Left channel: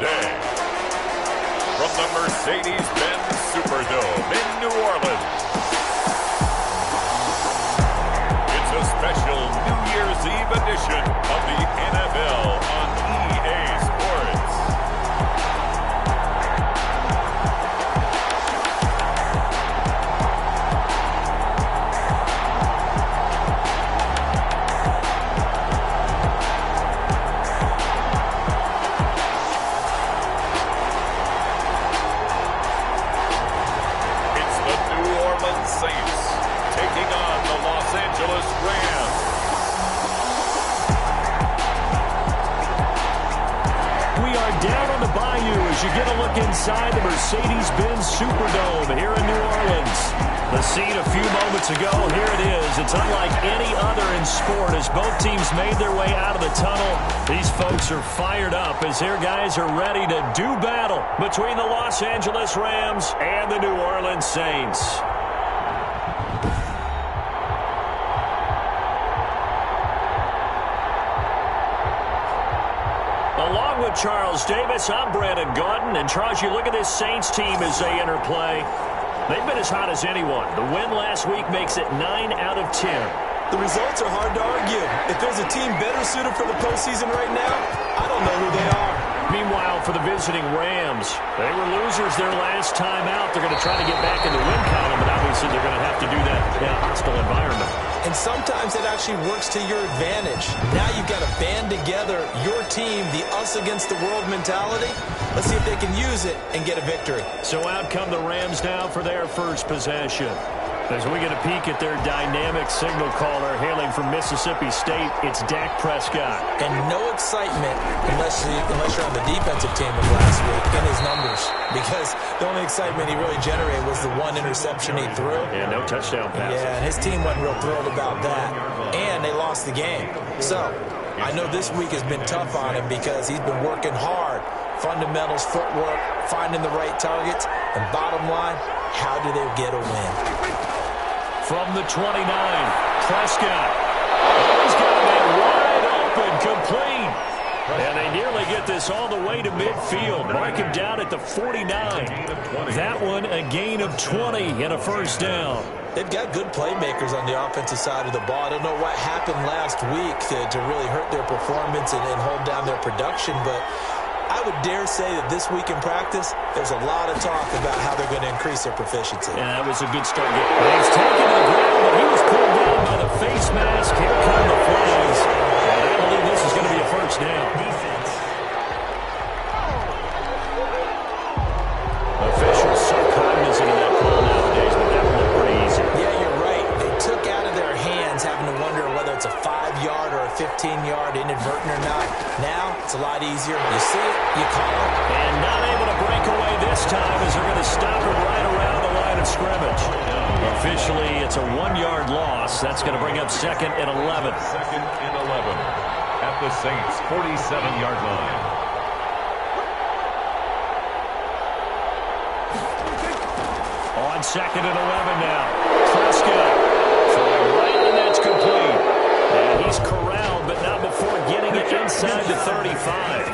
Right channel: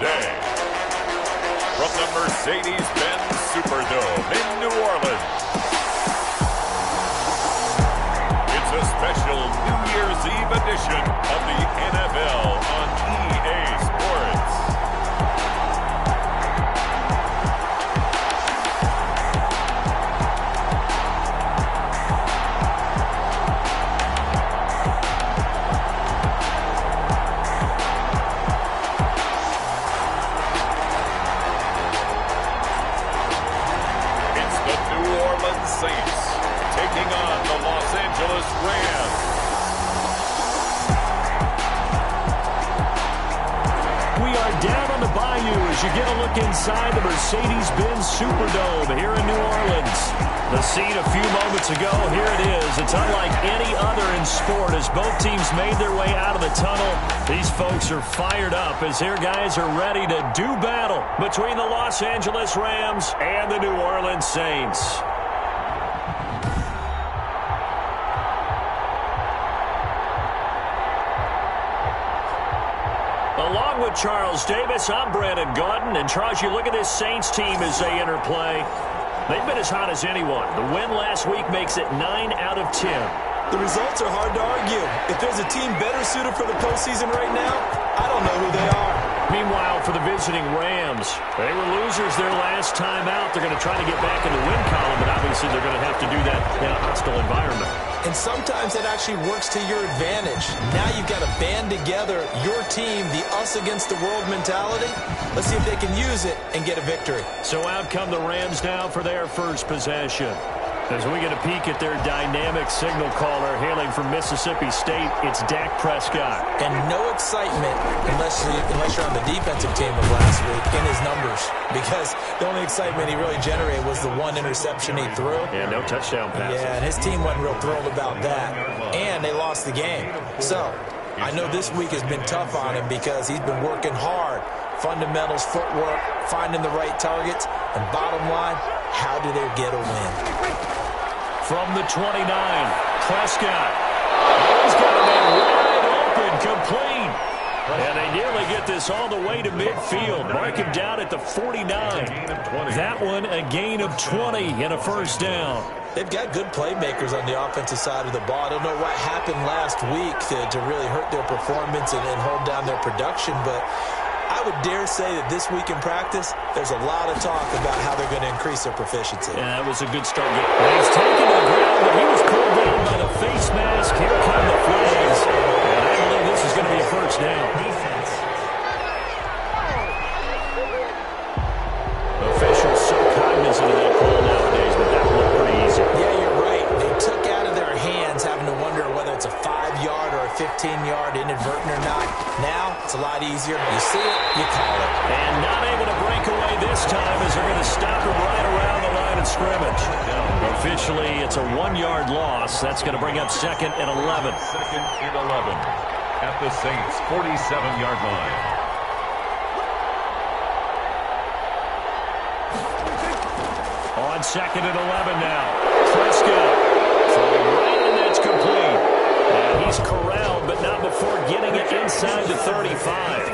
day. From the Mercedes-Benz Superdome in New Orleans, it's a special New Year's Eve edition of the NFL on EA Sports. Saints taking on the Los Angeles Rams. We are down on the bayou as you get a look inside the Mercedes-Benz Superdome here in New Orleans. The scene a few moments ago, here it is. It's unlike any other in sport as both teams made their way out of the tunnel. These folks are fired up as their guys are ready to do battle between the Los Angeles Rams and the New Orleans Saints. Along with Charles Davis, I'm Brandon Gaudin. And Charles, you look at this Saints team as they enter play. They've been as hot as anyone. The win last week makes it 9 out of 10. The results are hard to argue. If there's a team better suited for the postseason right now, I don't know who they are. Meanwhile, for the visiting Rams, they were losers their last time out. They're going to try to get back in the win column, but obviously they're going to have to do that in a hostile environment. And sometimes it actually works to your advantage. Now you've got to band together your team, the us against the world mentality. Let's see if they can use it and get a victory. So out come the Rams now for their first possession. As we get a peek at their dynamic signal caller hailing from Mississippi State, it's Dak Prescott. And no excitement unless you're on the defensive team of last week in his numbers. Because the only excitement he really generated was the one interception he threw. Yeah, no touchdown passes. Yeah, and his team wasn't real thrilled about that. And they lost the game. So I know this week has been tough on him because he's been working hard. Fundamentals, footwork, finding the right targets. And bottom line, how do they get a win? From the 29, Prescott. Oh, he's got a man wide open, complete. And they nearly get this all the way to midfield. Mark him down at the 49. That one, a gain of 20 and a first down. They've got good playmakers on the offensive side of the ball. I don't know what happened last week to really hurt their performance and hold down their production, but I would dare say that this week in practice, there's a lot of talk about how they're going to increase their proficiency. And that was a good start. He's taken to the ground, but he was pulled down by the face mask. Here come the flags. And I believe this is going to be a first down. Defense. Officials so cognizant of that call nowadays, but that would look pretty easy. Yeah, you're right. They took out of their hands having to wonder whether it's a 5-yard or a 15-yard inadvertent or not. Now, it's a lot easier. You see it, you call it. And not able to break away this time as they're going to stop him right around the line of scrimmage. Officially, it's a 1-yard loss. That's going to bring up second and 11. Second and 11 at the Saints' 47-yard line. On second and 11 now. Prescott throwing right, and that's complete. And he's corralled, but not before getting it inside the 35.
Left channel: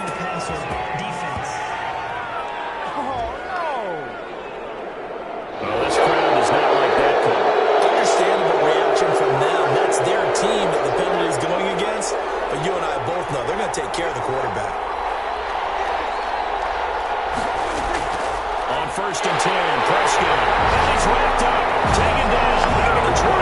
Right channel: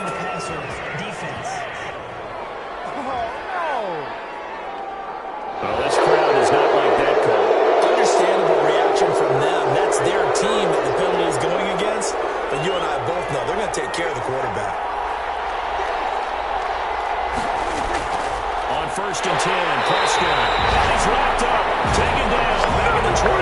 Well, this crowd does not like that call. Understandable reaction from them. That's their team that the penalty is going against. But you and I both know they're going to take care of the quarterback. On first and 10, Prescott. And he's wrapped up. Taken down. Back at the 25.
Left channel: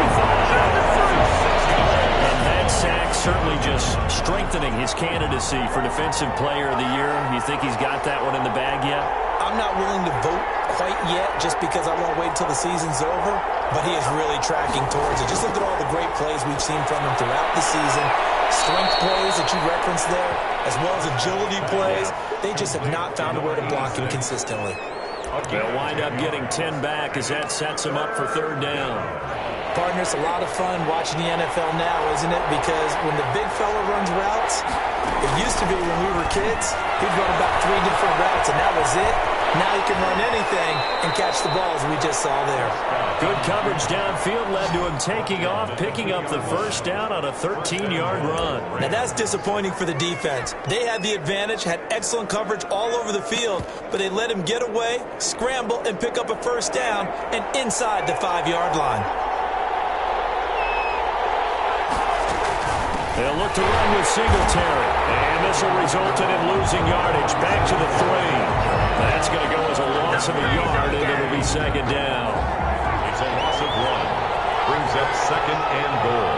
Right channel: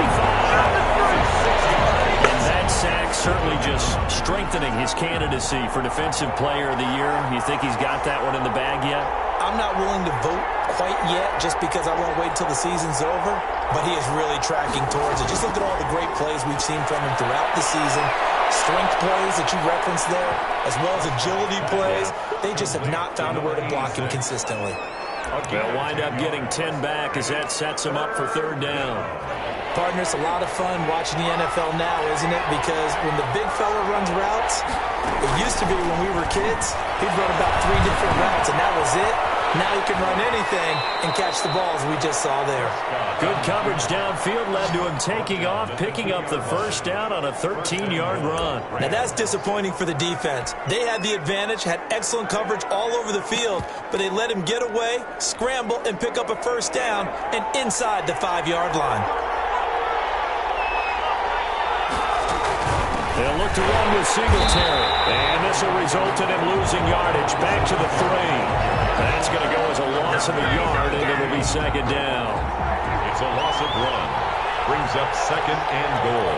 And that sack certainly just strengthening his candidacy for Defensive Player of the Year. You think he's got that one in the bag yet? I'm not willing to vote quite yet just because I want to wait until the season's over. But he is really tracking towards it. Just look at all the great plays we've seen from him throughout the season. Strength plays that you referenced there, as well as agility plays. They just have not found a way to block him consistently. They'll wind up getting 10 back as that sets him up for third down. Partner, it's a lot of fun watching the NFL now, isn't it? Because when the big fella runs routes, it used to be when we were kids, he'd run about 3 different routes, and that was it. Now he can run anything and catch the balls we just saw there. Good coverage downfield led to him taking off, picking up the first down on a 13-yard run. Now that's disappointing for the defense. They had the advantage, had excellent coverage all over the field, but they let him get away, scramble, and pick up a first down and inside the 5-yard line. They'll look to run with Singletary, and this will result in him losing yardage back to the 3. That's going to go as a loss of a yard, and it'll be second down. It's a loss of 1. Brings up second and goal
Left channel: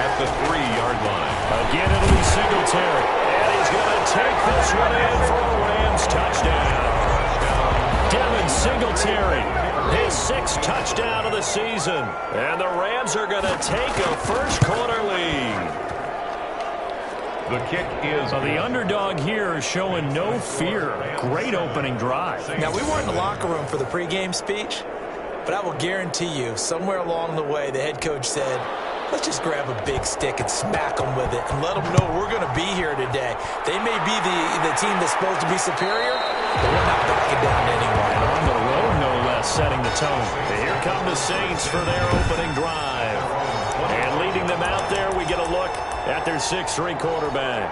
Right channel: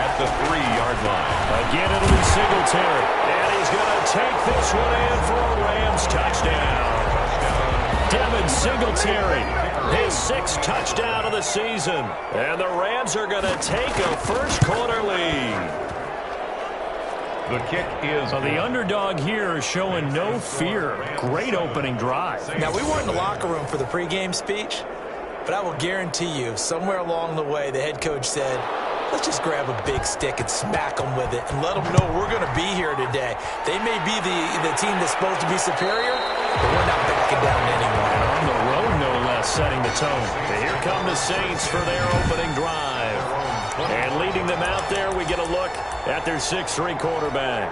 at the 3-yard line. Again, it'll be Singletary, and he's going to take this one in for a Rams touchdown. Devin Singletary, his 6th touchdown of the season, and the Rams are going to take a first-quarter lead. The kick is the underdog here is showing no fear. Great opening drive. Now, we weren't in the locker room for the pregame speech, but I will guarantee you, somewhere along the way, the head coach said, let's just grab a big stick and smack them with it and let them know we're going to be here today. They may be the team that's supposed to be superior, but we're not backing down anyone. And on the road, no less, setting the tone. Here come the Saints for their opening drive. And leading them out there, we get a look at their 6'3" quarterback.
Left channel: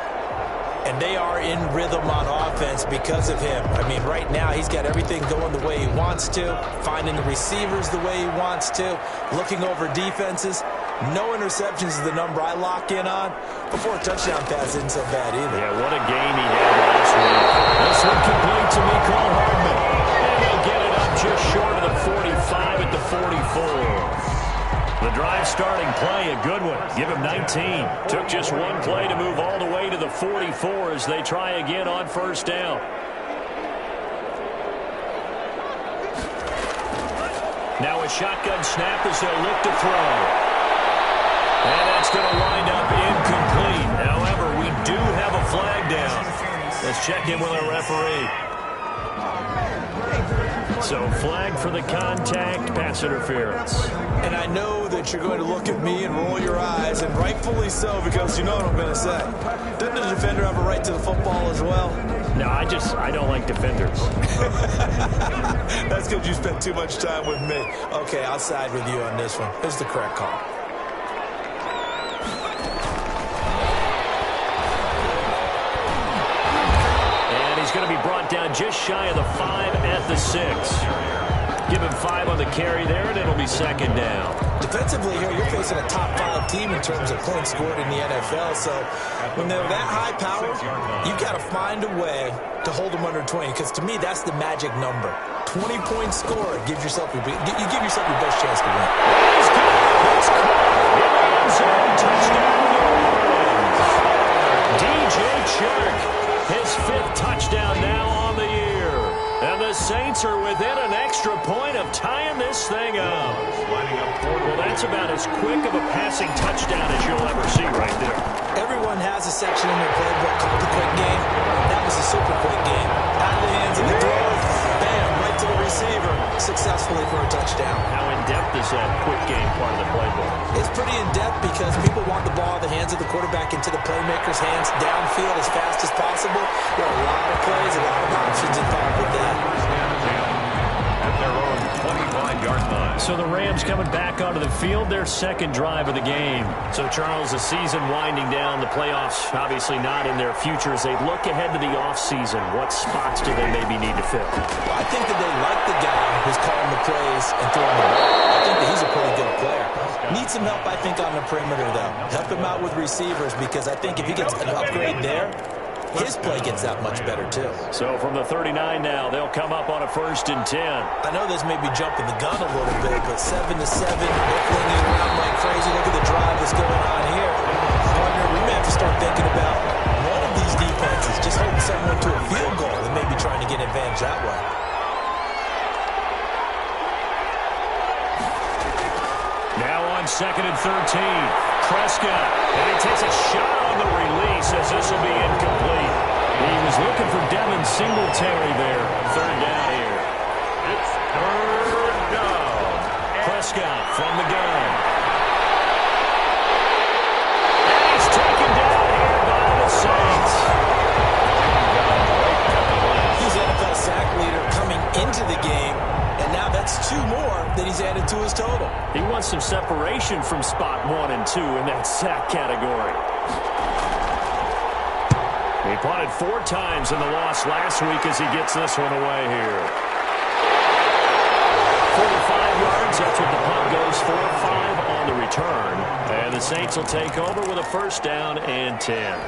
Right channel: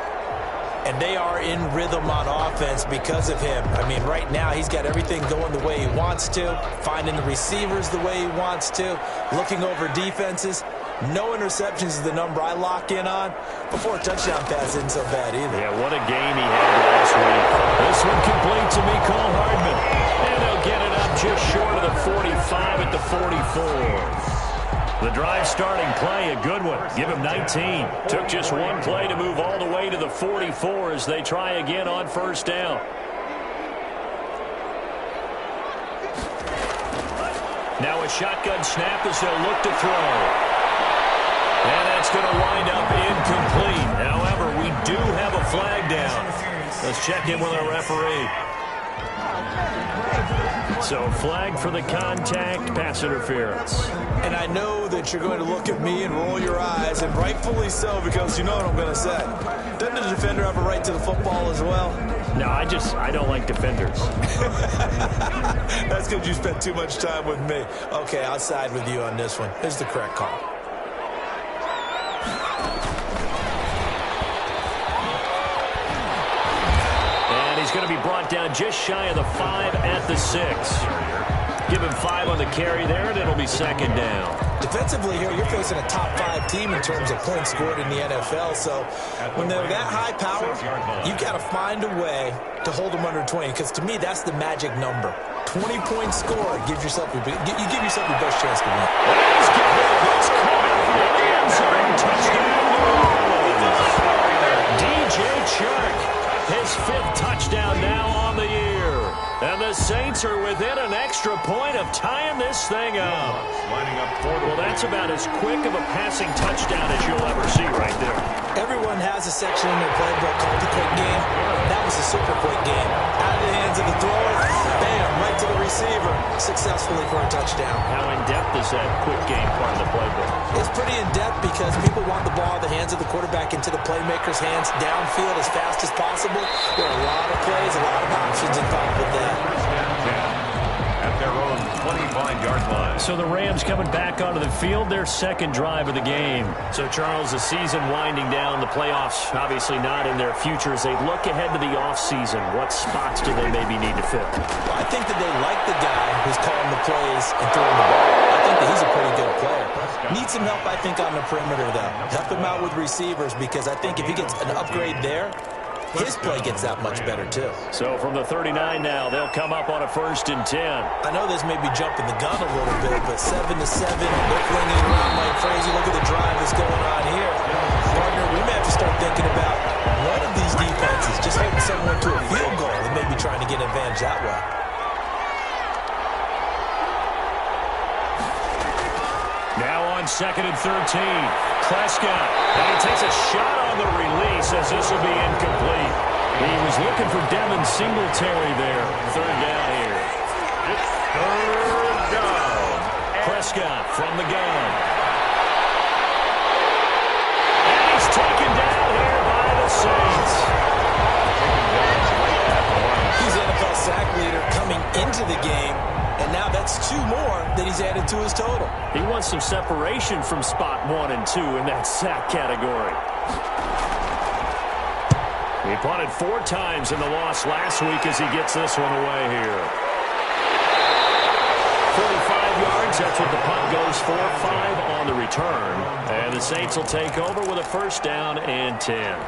And they are in rhythm on offense because of him. I mean, right now, he's got everything going the way he wants to, finding the receivers the way he wants to, looking over defenses. No interceptions is the number I lock in on. Before a touchdown pass isn't so bad either. Yeah, what a game he had last week. This one complete to Mecole Hardman. And they'll get it up just short of the 45 at the 44. The drive starting play, a good one. Give him 19. Took just one play to move all the way to the 44 as they try again on first down. Now a shotgun snap as they'll look to throw. And that's going to wind up incomplete. However, we do have a flag down. Let's check in with our referee. So flag for the contact, pass interference. And I know that you're going to look at me and roll your eyes, and rightfully so, because you know what I'm going to say. Doesn't the defender have a right to the football as well? No, I don't like defenders. That's because you spent too much time with me. Okay, I'll side with you on this one. It's the correct call. He's going to be brought down just shy of the 5 at the 6. Give him 5 on the carry there, and it'll be second down. Defensively here, you're facing a top-5 team in terms of points scored in the NFL. So when they're that high power, you've got to find a way to hold them under 20. Because to me, that's the magic number. 20-point score. You give yourself your best chance to win. He's got it. It's caught in the end zone. Touchdown, New Orleans. DJ Chark. His 5th touchdown now on the year. And the Saints are within an extra point of tying this thing up. Well, that's about as quick of a passing touchdown as you'll ever see right there. Everyone has a section in their playbook called the quick game. That was a super quick game. Out of the hands of the thrower, bam, right to the receiver, successfully for a touchdown. How in-depth is that quick game part of the playbook? It's pretty in-depth because people want the ball in the hands of the quarterback into the playmaker's hands downfield as fast as possible. There are a lot of plays, a lot of options involved with that. At their own 25-yard line. So the Rams coming back onto the field, their second drive of the game. So, Charles, the season winding down, the playoffs obviously not in their future. As they look ahead to the offseason, what spots do they maybe need to fill? Well, I think that they like the guy who's calling the plays and throwing the ball. I think that he's a pretty good player. Needs some help, I think, on the perimeter, though. Help him out with receivers because I think if he gets an upgrade there, his play gets that much better, too. So from the 39 now, they'll come up on a 1st and 10. I know this may be jumping the gun a little bit, but 7-7, they're flinging it around like crazy. Look at the drive that's going on here. Partner, we may have to start thinking about one of these defenses just holding someone to a field goal and maybe trying to get an advantage that way. Now on 2nd and 13. Prescott, and he takes a shot on the release as this will be incomplete. He was looking for Devin Singletary there. 3rd down here. It's 3rd down. Prescott from the gun. And he's taken down here by the Saints. Taken down right at the line. He's NFL sack leader coming into the game, and now that's 2 more that he's added to his total. He wants some separation from spot 1 and 2 in that sack category. He punted 4 times in the loss last week as he gets this one away here. 45 yards, that's what the punt goes for. 5 on the return. And the Saints will take over with a first down and 10.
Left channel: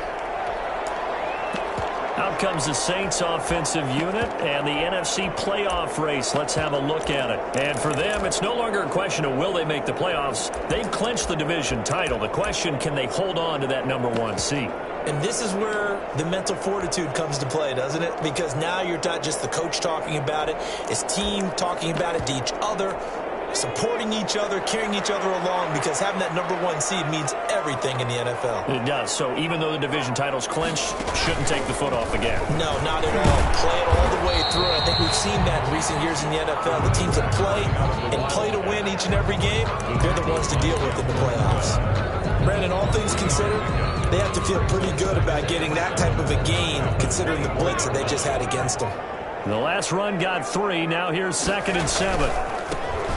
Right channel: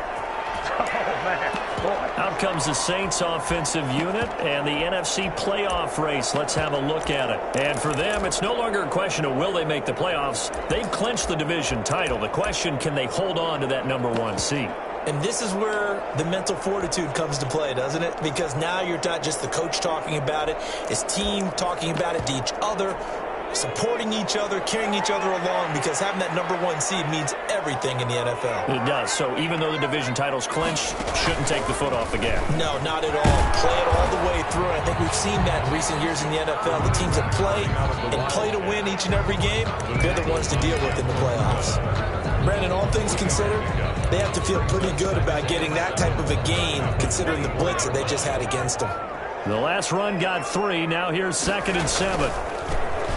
Out comes the Saints offensive unit and the NFC playoff race. Let's have a look at it. And for them, it's no longer a question of will they make the playoffs. They've clinched the division title. The question, can they hold on to that number 1 seed? And this is where the mental fortitude comes to play, doesn't it? Because now you're not just the coach talking about it, his team talking about it to each other, supporting each other, carrying each other along, because having that number 1 seed means everything in the NFL. It does. So even though the division title's clinched, shouldn't take the foot off the gas. No, not at all. Play it all the way through. I think we've seen that in recent years in the NFL. The teams that play and play to win each and every game, they're the ones to deal with in the playoffs. Brandon, all things considered, they have to feel pretty good about getting that type of a gain, considering the blitz that they just had against them. The last run got 3. Now here's 2nd and 7.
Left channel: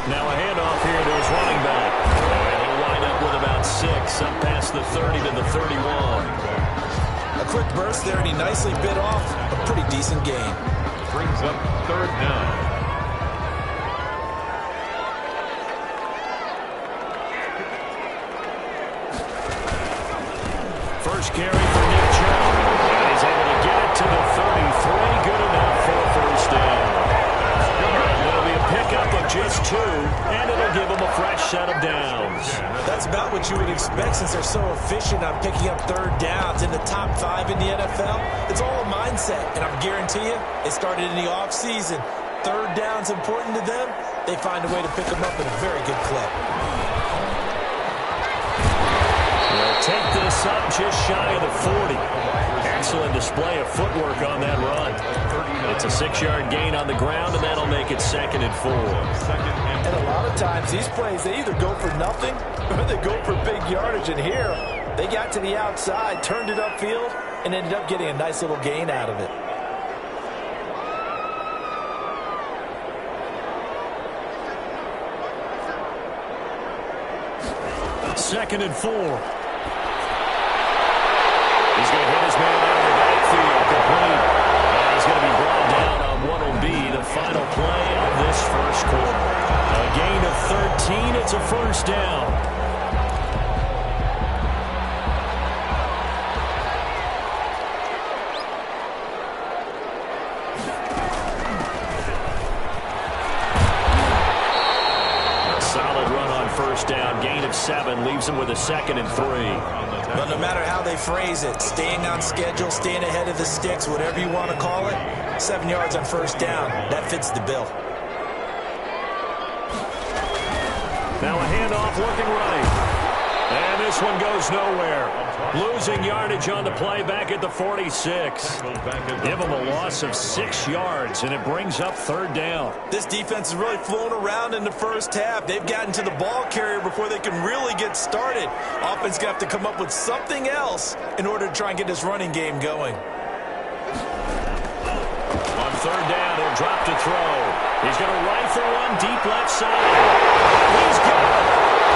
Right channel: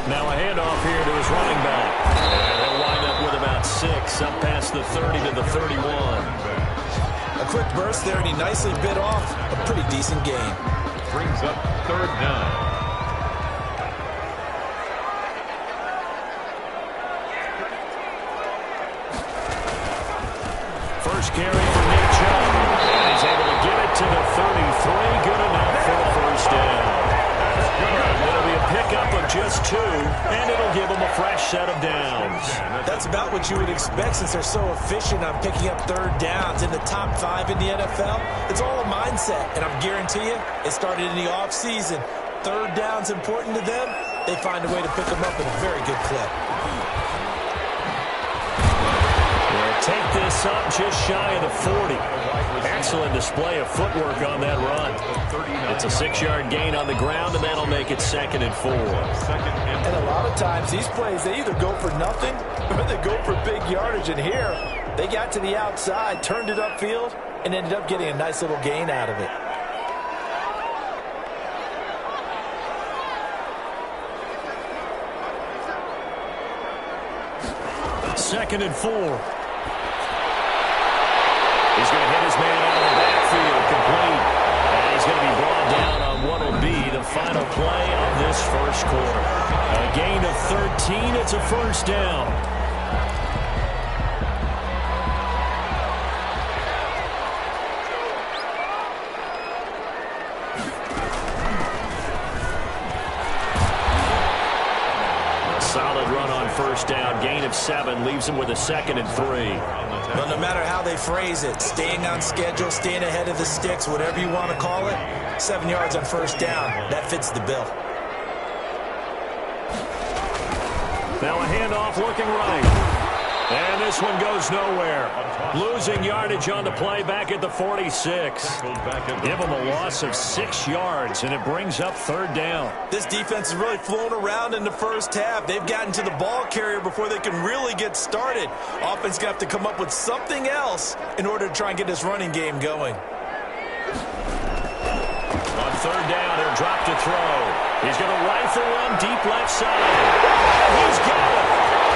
Now a handoff here to his running back. And he'll wind up with about 6, up past the 30 to the 31. A quick burst there, and he nicely bit off a pretty decent gain. Brings up 3rd down. First carry for Nick Chubb. And he's able to get it to the 33. Good enough for a first down. It'll be a pickup of just 2, and it'll give them a fresh set of downs. That's about what you would expect since they're so efficient on picking up 3rd downs in the top 5 in the NFL. It's all a mindset, and I guarantee you it started in the offseason. 3rd down's important to them. They find a way to pick them up at a very good clip. They'll take this up just shy of the 40. Excellent display of footwork on that run. It's a 6-yard gain on the ground, and that'll make it 2nd and 4. And a lot of times, these plays, they either go for nothing or they go for big yardage. And here, they got to the outside, turned it upfield, and ended up getting a nice little gain out of it. Second and 4. He's going to hit his man out of the backfield, complete. And he's going to be brought down on what will be the final play of this first quarter. A gain of 13. It's a first down. A solid run on first down. Gain of 7 leaves him with a 2nd and 3. But no matter how they phrase it, staying on schedule, staying ahead of the sticks, whatever you want to call it, 7 yards on first down, that fits the bill. Now a handoff looking right. And this one goes nowhere. Losing yardage on the play back at the 46. Give them a loss of 6 yards, and it brings up 3rd down. This defense has really flown around in the first half. They've gotten to the ball carrier before they can really get started. Offense going to have to come up with something else in order to try and get this running game going. On 3rd down, he'll drop to throw. He's going to rifle one deep left side. He's got it.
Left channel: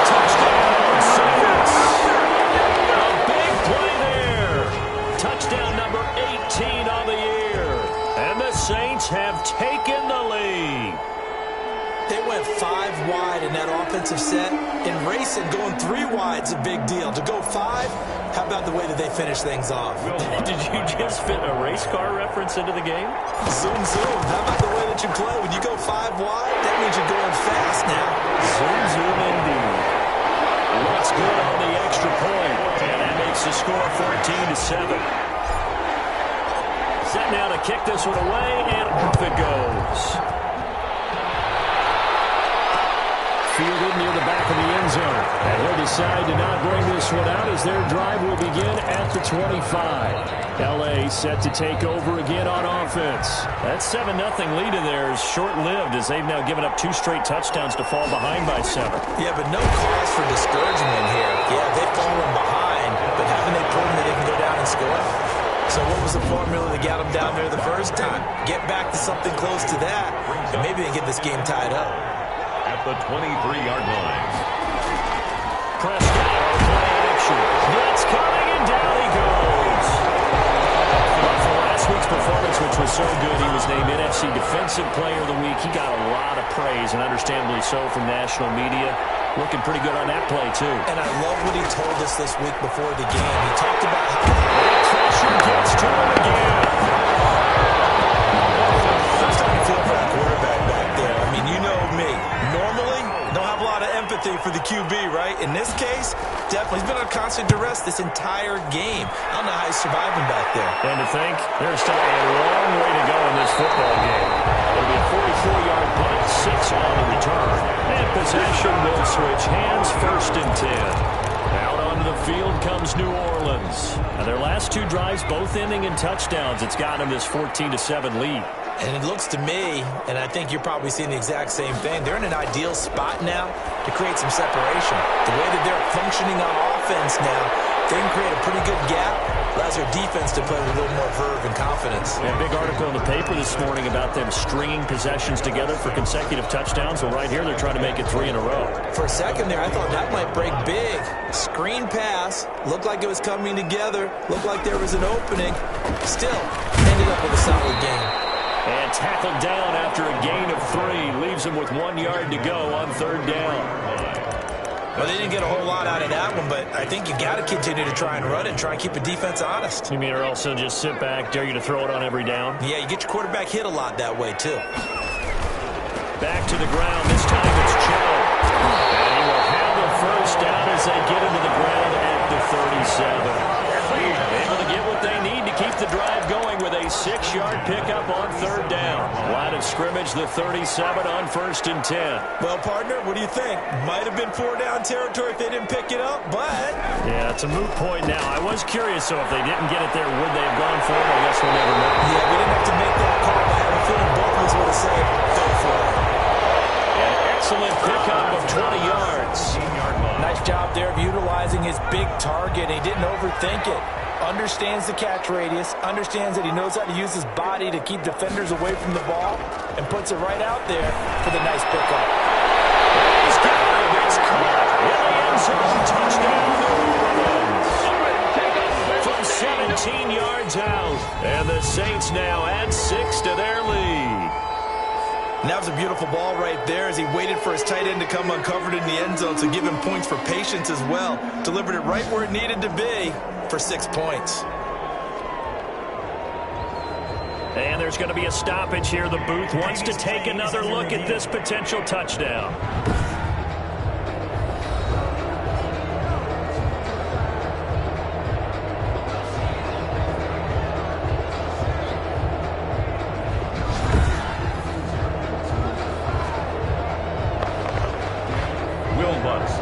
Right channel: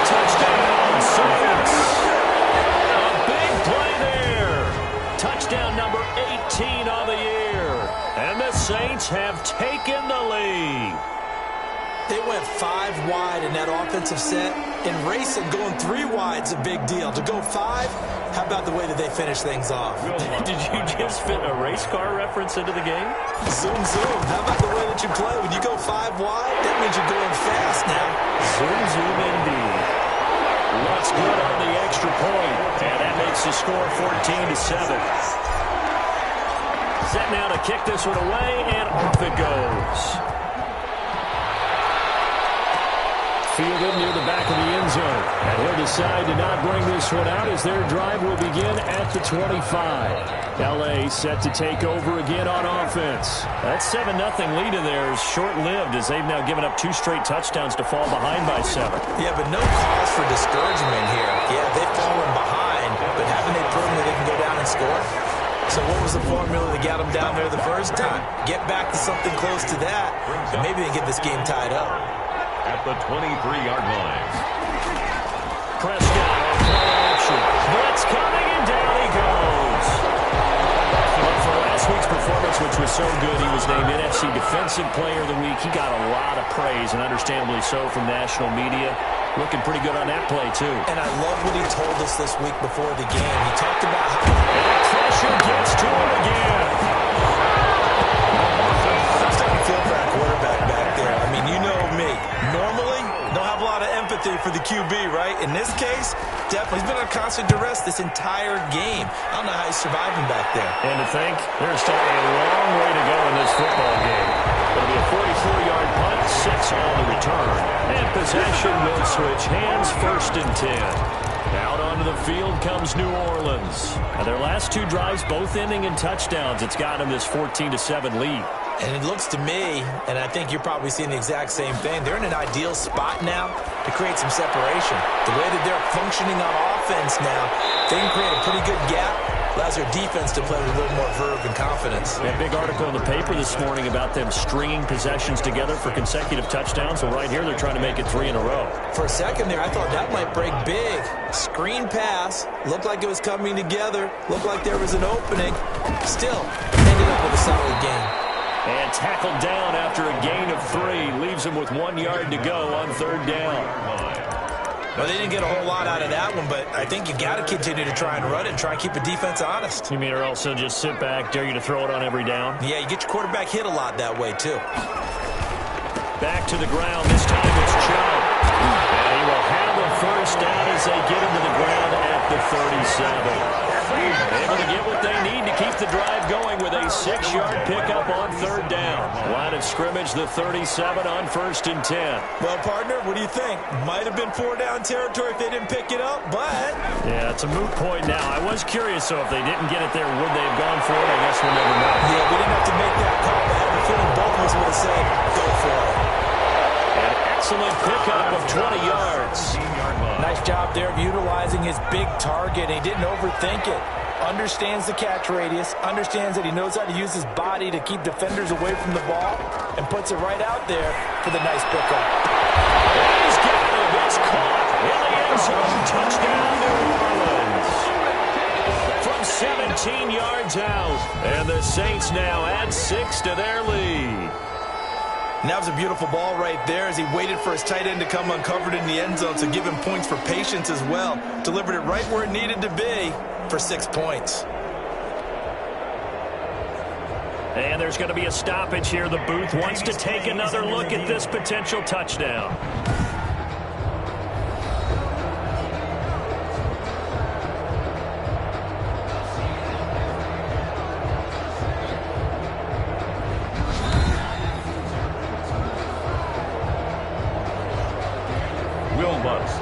Touchdown, Saints. A big play there. Touchdown number 18 on the year. And the Saints have taken the lead. They went 5 wide in that offensive set. In racing, going 3 wide's a big deal. To go 5, how about the way that they finish things off? Did you just fit a race car reference into the game? Zoom, zoom. How about the way that you play? When you go 5 wide, that means you're going fast now. Zoom, zoom indeed. Looks good on the extra point. And that makes the score 14-7. Set now to kick this one away, and off it goes. Fielded near the back of the end zone. And he'll decide to not bring this one out as their drive will begin at the 25. L.A. set to take over again on offense. That 7-0 lead in there is short-lived as they've now given up 2 straight touchdowns to fall behind by 7. Yeah, but no cause for discouragement here. Yeah, they've fallen behind, but haven't they proven that they can go down and score? So what was the formula that got them down there the first time? Get back to something close to that, and maybe they get this game tied up. At the 23-yard line. Prescott on play action. Blitz coming, and down he goes. But for last week's performance, which was so good, he was named NFC Defensive Player of the Week. He got a lot of praise, and understandably so, from national media. Looking pretty good on that play, too. And I love what he told us this week before the game. He talked about how... And the pressure gets to him again. I'm starting to feel for that quarterback back there. I mean, you know me. Normally, don't have a lot of empathy for the QB, right? In this case, definitely. He's been on constant duress this entire game. I don't know how he's surviving back there. And to think, there's still a long way to go in this football game. It'll be a 44-yard punt, 6 on the return. And possession will switch hands, 1st and 10. Out onto the field comes New Orleans. Now their last 2 drives, both ending in touchdowns. It's got them this 14-7 lead. And it looks to me, and I think you're probably seeing the exact same thing, they're in an ideal spot now to create some separation. The way that they're functioning on offense now, they can create a pretty good gap. Allows their defense to play with a little more verve and confidence. A big article in the paper this morning about them stringing possessions together for consecutive touchdowns. Well, right here, they're trying to make it 3 in a row. For a second there, I thought that might break big. Screen pass. Looked like it was coming together. Looked like there was an opening. Still, ended up with a solid game. And tackled down after a gain of 3. Leaves him with 1 yard to go on 3rd down. Well, they didn't get a whole lot out of that one, but I think you got to continue to try and run it and try and keep the defense honest. You mean or else they'll just sit back, dare you to throw it on every down? Yeah, you get your quarterback hit a lot that way, too. Back to the ground. This time it's Chubb. And he will have a 1st down as they get him to the ground at the 37. Able to get what they need to keep the drive going with a 6-yard pickup on 3rd down. Line of scrimmage, the 37 on 1st and 10. Well, partner, what do you think? Might have been 4-down territory if they didn't pick it up, but... Yeah, it's a moot point now. I was curious, so if they didn't get it there, would they have gone for it? I guess we'll never know. Yeah, we didn't have to make that call, but I have a feeling both of us would have said, go for it. An excellent pickup of 20 yards. Nice job there of utilizing his big target. He didn't overthink it. Understands the catch radius, understands that he knows how to use his body to keep defenders away from the ball, and puts it right out there for the nice pickup. He's got him. It's caught in the end zone. Touchdown, New Orleans. From 17 yards out. And the Saints now add 6 to their lead. And that was a beautiful ball right there as he waited for his tight end to come uncovered in the end zone, so give him points for patience as well. Delivered it right where it needed to be for 6 points. And there's going to be a stoppage here. The booth wants to take another look at this potential touchdown.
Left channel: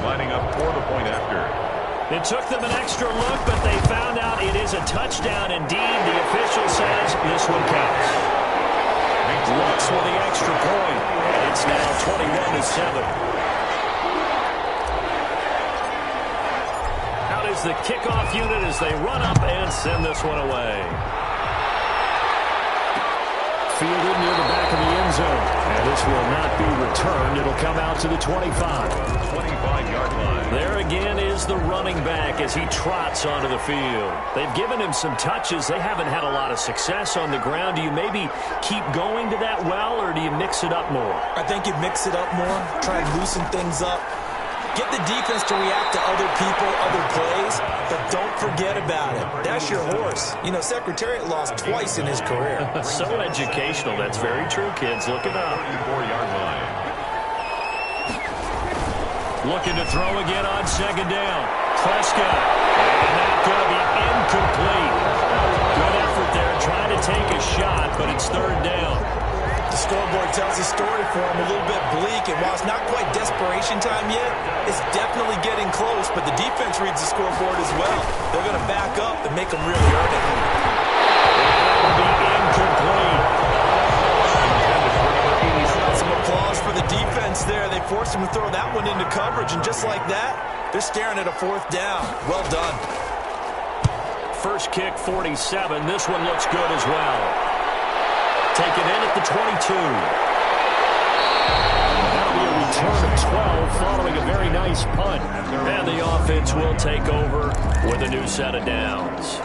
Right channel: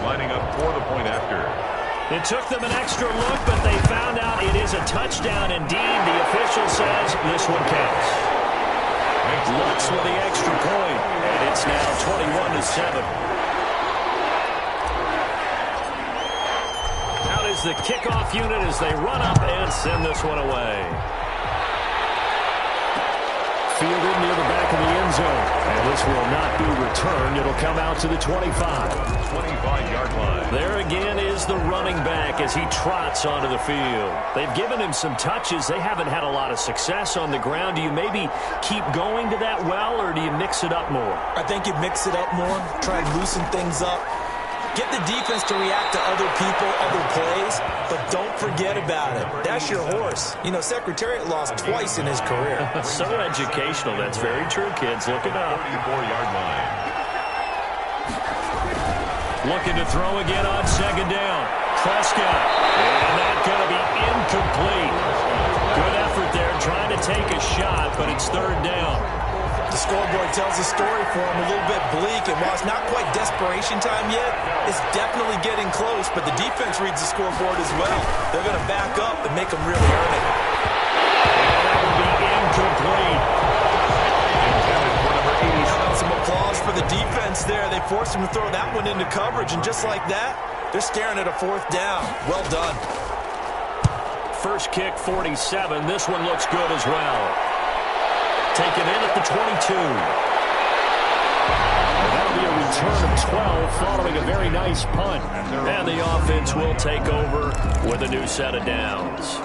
Lining up for the point after. It took them an extra look, but they found out it is a touchdown indeed. The official says this one counts. Lux with the extra point, and it's now 21-7. Out is the kickoff unit as they run up and send this one away. Fielded near the back of the end zone. And this will not be returned. It'll come out to the 25. 25-yard line. There again is the running back as he trots onto the field. They've given him some touches. They haven't had a lot of success on the ground. Do you maybe keep going to that well, or do you mix it up more? I think you mix it up more, try and loosen things up. Get the defense to react to other people, other plays, but don't forget about it. That's your horse. You know, Secretariat lost twice in his career. So educational. That's very true, kids. Look it up. 34-yard line. Looking to throw again on 2nd down. Prescott. And that's going to be incomplete. Good effort there trying to take a shot, but it's 3rd down. The scoreboard tells a story for him, a little bit bleak, and while it's not quite desperation time yet, it's definitely getting close, but the defense reads the scoreboard as well. They're going to back up and make them really earn it. And that will be incomplete. Intended for number 80. Some applause for the defense there. They forced him to throw that one into coverage, and just like that, they're staring at a 4th down. Well done. first kick 47. This one looks good as well. Taken in at the 22. And that'll be a return of 12 following a very nice punt. And the offense will take over with a new set of downs.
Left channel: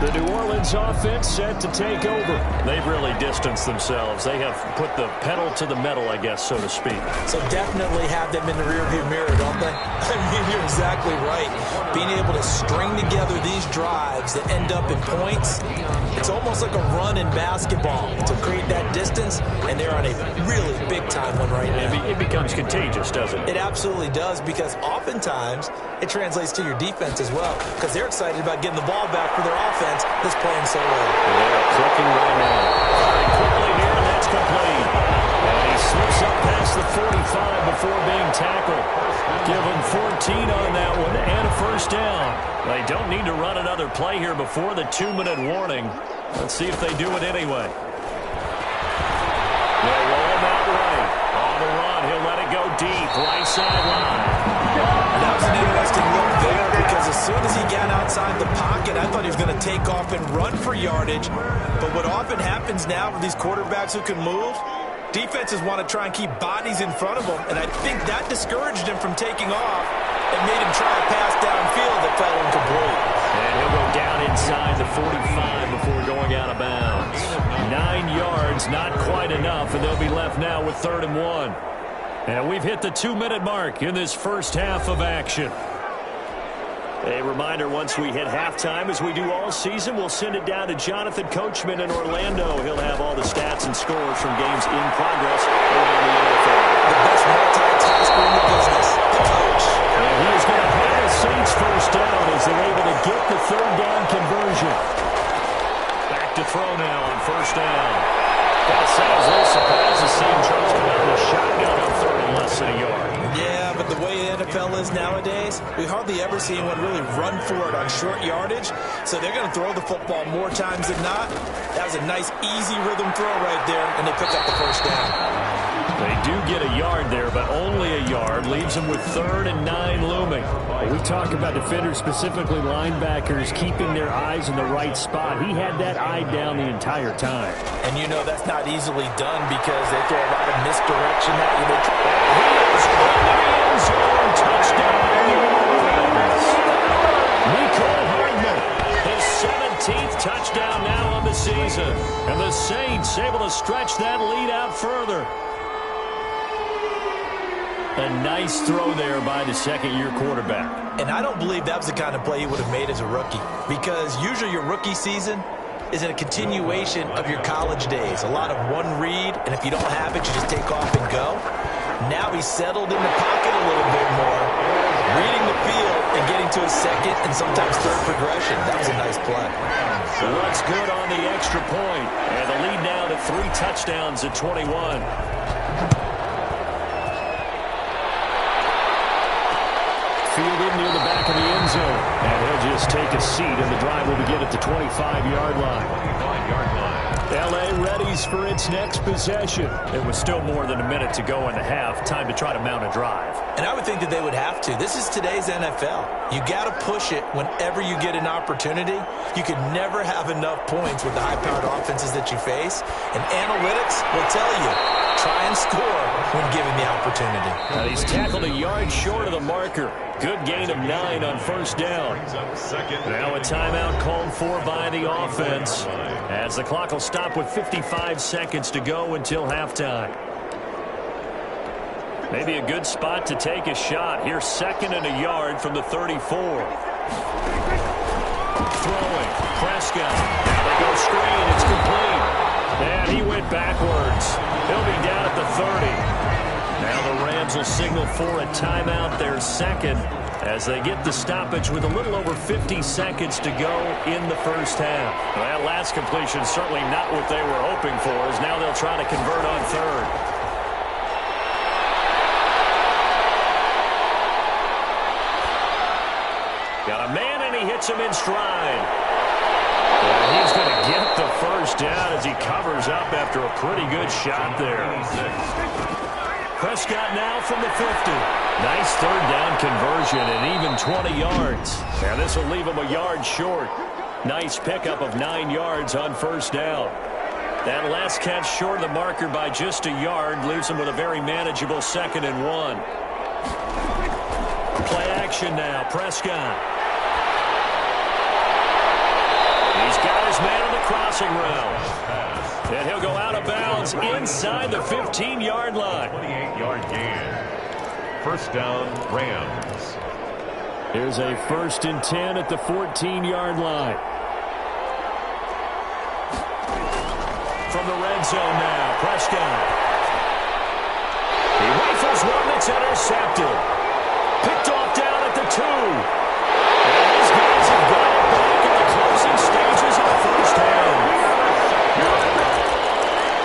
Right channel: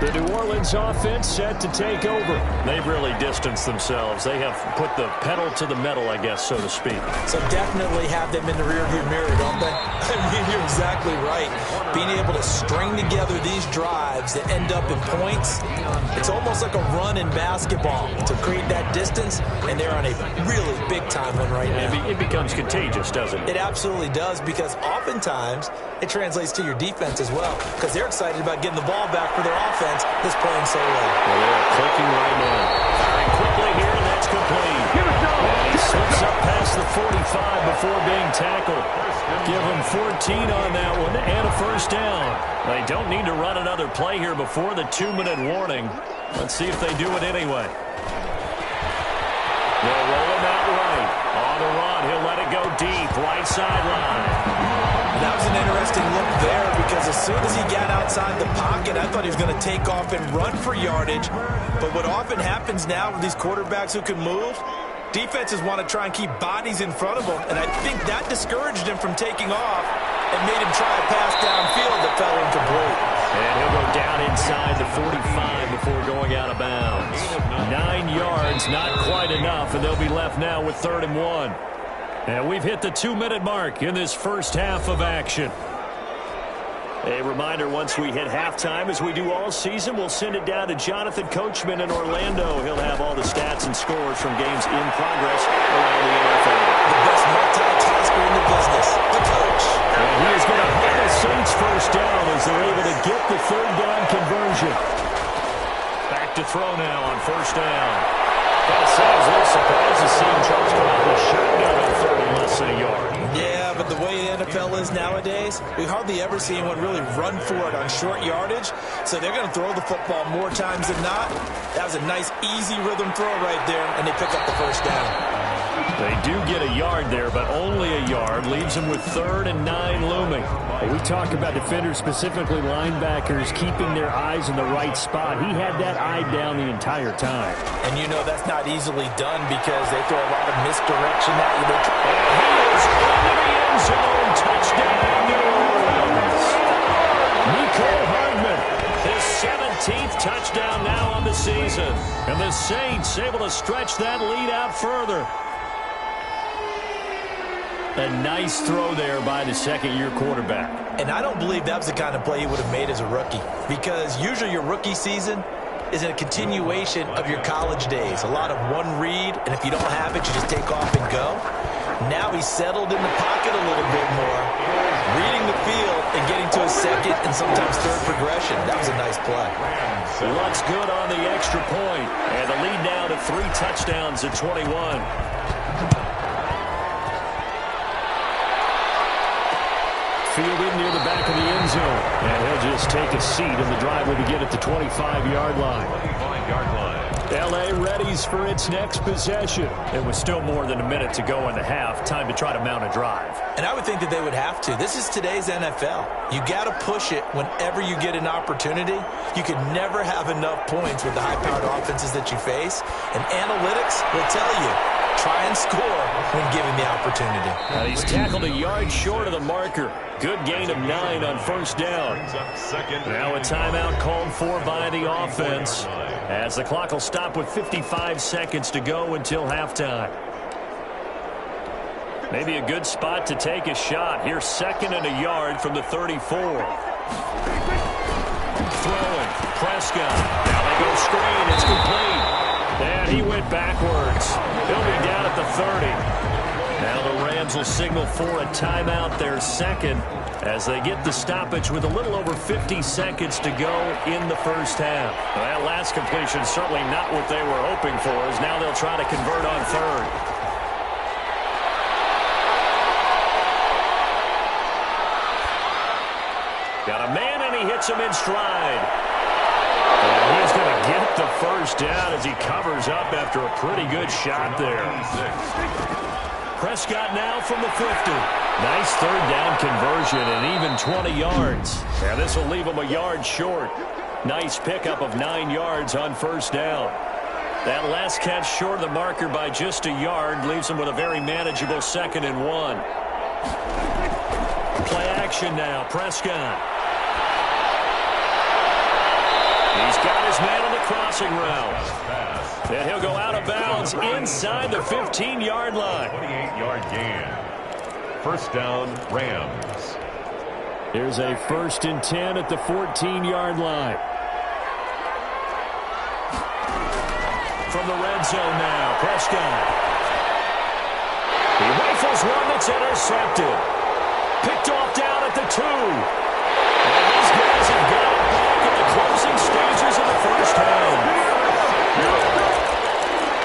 The New Orleans offense set to take over. They've really distanced themselves. They have put the pedal to the metal, I guess, so to speak. So definitely have them in the rearview mirror, don't they? I mean, you're exactly right. Being able to string together these drives that end up in points, it's almost like a run in basketball to create that distance, and they're on a really big-time one right now. It becomes contagious, doesn't it? It absolutely does, because oftentimes it translates to your defense as well, because they're excited about getting the ball back for their offense that's playing so well. They are clicking right now. Firing quickly here, and that's complete. And he slips up past the 45 before being tackled. Give him 14 on that one and a first down. They don't need to run another play here before the 2-minute warning. Let's see if they do it anyway. They'll roll him out right. On the run, he'll let it go deep. Right sideline. That was an interesting look there, because as soon as he got outside the pocket, I thought he was going to take off and run for yardage. But what often happens now with these quarterbacks who can move, defenses want to try and keep bodies in front of them, and I think that discouraged him from taking off and made him try a pass downfield that fell incomplete. And he'll go down inside the 45 before going out of bounds. 9 yards, not quite enough, and they'll be left now with 3rd and 1. And we've hit the 2-minute mark in this first half of action. A reminder, once we hit halftime, as we do all season, we'll send it down to Jonathan Coachman in Orlando. He'll have all the stats and scores from games in progress around the NFL. The best multitasker in the business, the coach. And he is going to have the Saints first down as they're able to get the 3rd down conversion. Back to throw now on first down. Gotta say, I was a little surprised to see him try to come out with a shotgun on 3rd and less than a yard. Yeah, but the way the NFL is nowadays, we hardly ever see anyone really run for it on short yardage. So they're going to throw the football more times than not. That was a nice, easy rhythm throw right there, and they pick up the first down. They do get a yard there, but only a yard. Leaves them with 3rd and 9 looming. We talk about defenders, specifically linebackers, keeping their eyes in the right spot. He had that eye down the entire time. And you know that's not easily done, because they throw a lot of misdirection at you. And he is into the end zone. Touchdown, New Orleans. Mecole Hardman, his 17th touchdown now on the season. And the Saints able to stretch that lead out further. A nice throw there by the second-year quarterback. And I don't believe that was the kind of play he would have made as a rookie, because usually your rookie season is a continuation of your college days. A lot of one read, and if you don't have it, you just take off and go. Now he's settled in the pocket a little bit more, reading the field and getting to his second and sometimes third progression. That was a nice play. What's good on the extra point? And the lead now to 3 touchdowns at 21. Fielded near the back of the end zone. And he'll just take a seat, and the drive will begin at the 25-yard line. 25-yard line. L.A. readies for its next possession. It was still more than a minute to go in the half. Time to try to mount a drive. And I would think that they would have to. This is today's NFL. You got to push it whenever you get an opportunity. You could never have enough points with the high-powered offenses that you face. And analytics will tell you, try and score when given the opportunity. Now he's tackled a yard short of the marker. Good gain of 9 on first down. Now a timeout called for by the offense, as the clock will stop with 55 seconds to go until halftime. Maybe a good spot to take a shot. Here's 2nd and a yard from the 34. Throwing. Prescott. Now they go screen. It's complete. And he went backwards. He'll be down at the 30. Now the Rams will signal for a timeout, their second, as they get the stoppage with a little over 50 seconds to go in the first half. Well, that last completion certainly not what they were hoping for, as now they'll try to convert on 3rd. Got a man, and he hits him in stride. And he's going to get the first down as he covers up after a pretty good shot there. Prescott now from the 50. Nice 3rd down conversion and even 20 yards. And this will leave him a yard short. Nice pickup of 9 yards on first down. That last catch short of the marker by just a yard leaves him with a very manageable 2nd and 1. Play action now. Prescott. He's got his man on the crossing route. And he'll go out of bounds inside the 15-yard line. 28-yard gain. First down, Rams. Here's a 1st and 10 at the 14-yard line. From the red zone now, Prescott. He rifles one that's intercepted. Picked off down at the 2. And these guys have got it back at the closing stages of the first half.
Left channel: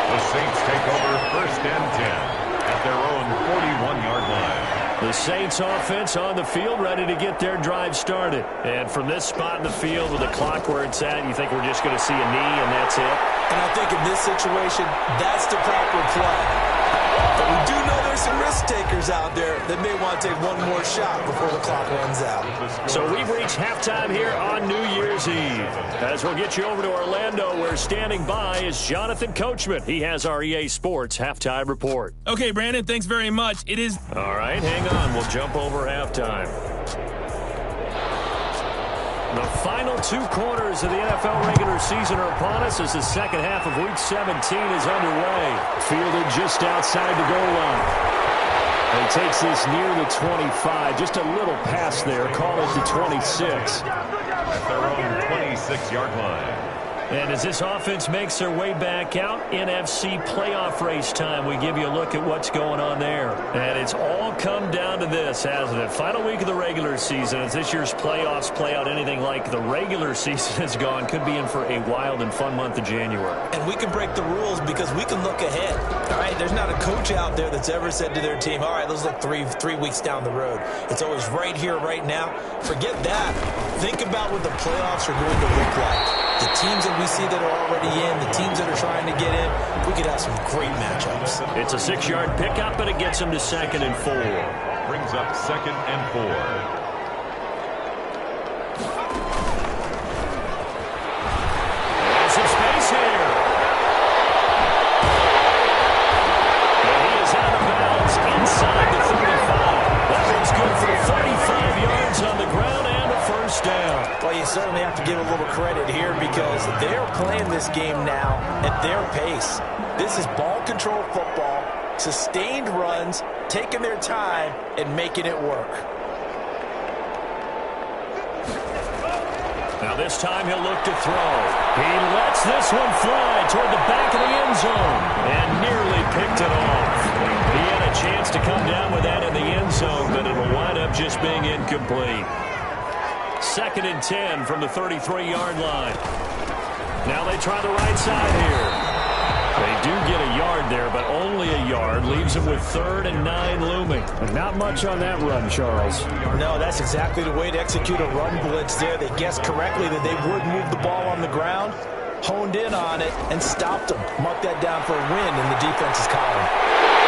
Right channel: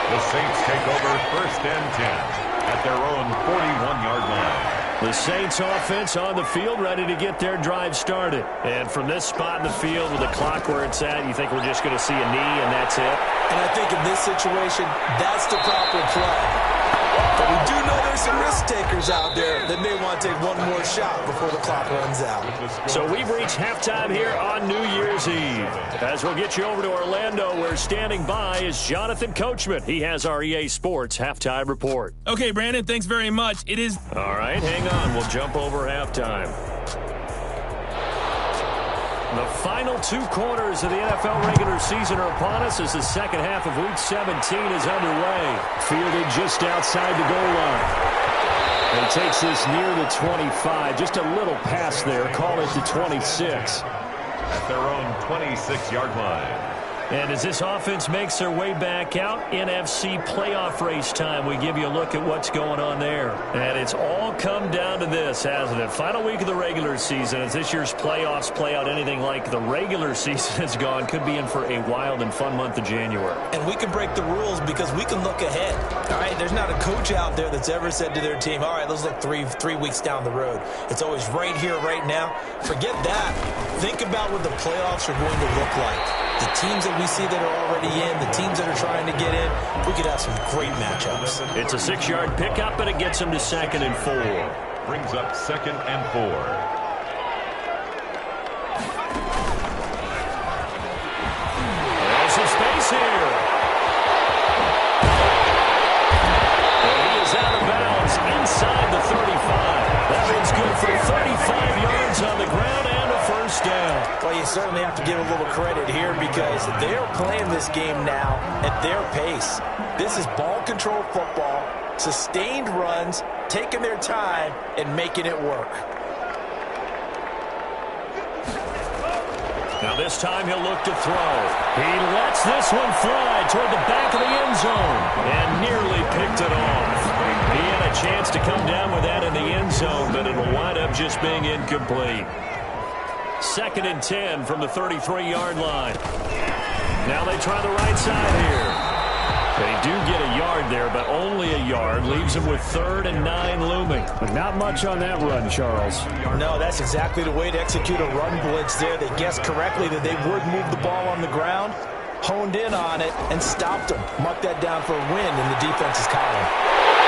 The Saints take over 1st and 10 at their own 41-yard line. The Saints offense on the field, ready to get their drive started. And from this spot in the field with the clock where it's at, you think we're just going to see a knee and that's it? And I think in this situation, that's the proper play. But we do know there's some risk takers out there that may want to take one more shot before the clock runs out. So we've reached halftime here on New Year's Eve. As we'll get you over to Orlando, where standing by is Jonathan Coachman. He has our EA Sports halftime report. Okay, Brandon, thanks very much. It is... All right, hang on. We'll jump over halftime. The final 2 quarters of the NFL regular season are upon us as the second half of Week 17 is underway. Fielded just outside the goal line. He takes this near the 25. Just a little pass there. Call it the 26. At their own 26-yard line. And as this offense makes their way back out, NFC playoff race time, we give you a look at what's going on there. And it's all come down to this, hasn't it? Final week of the regular season. As this year's playoffs play out anything like the regular season has gone, could be in for a wild and fun month of January. And we can break the rules because we can look ahead. All right, there's not a coach out there that's ever said to their team, all right, let's look three weeks down the road. It's always right here, right now. Forget that. Think about what the playoffs are going to look like. The teams that we see that are already in, the teams that are trying to get in, we could have some great matchups. It's a 6-yard pickup, but it gets him to 2nd and 4. Brings up 2nd and 4. There's some space here. And he is out of bounds inside the 35. That one's good for 35 yards on the ground and a first down. Well, you certainly have to give a little credit here because they're playing this game now at their pace. This is ball control football, sustained runs, taking their time and making it work. Now this time he'll look to throw. He lets this one fly toward the back of the end zone and nearly picked it off. He had a chance to come down with that in the end zone, but it'll wind up just being incomplete. 2nd and 10 from the 33-yard line. Now they try the right side here. They do get a yard there, but only a yard. Leaves them with 3rd and 9 looming. But not much on that run, Charles. No, that's exactly the way to execute a run blitz there. They guessed correctly that they would move the ball on the ground, honed in on it, and stopped them. Mark that down for a win in the defense's column.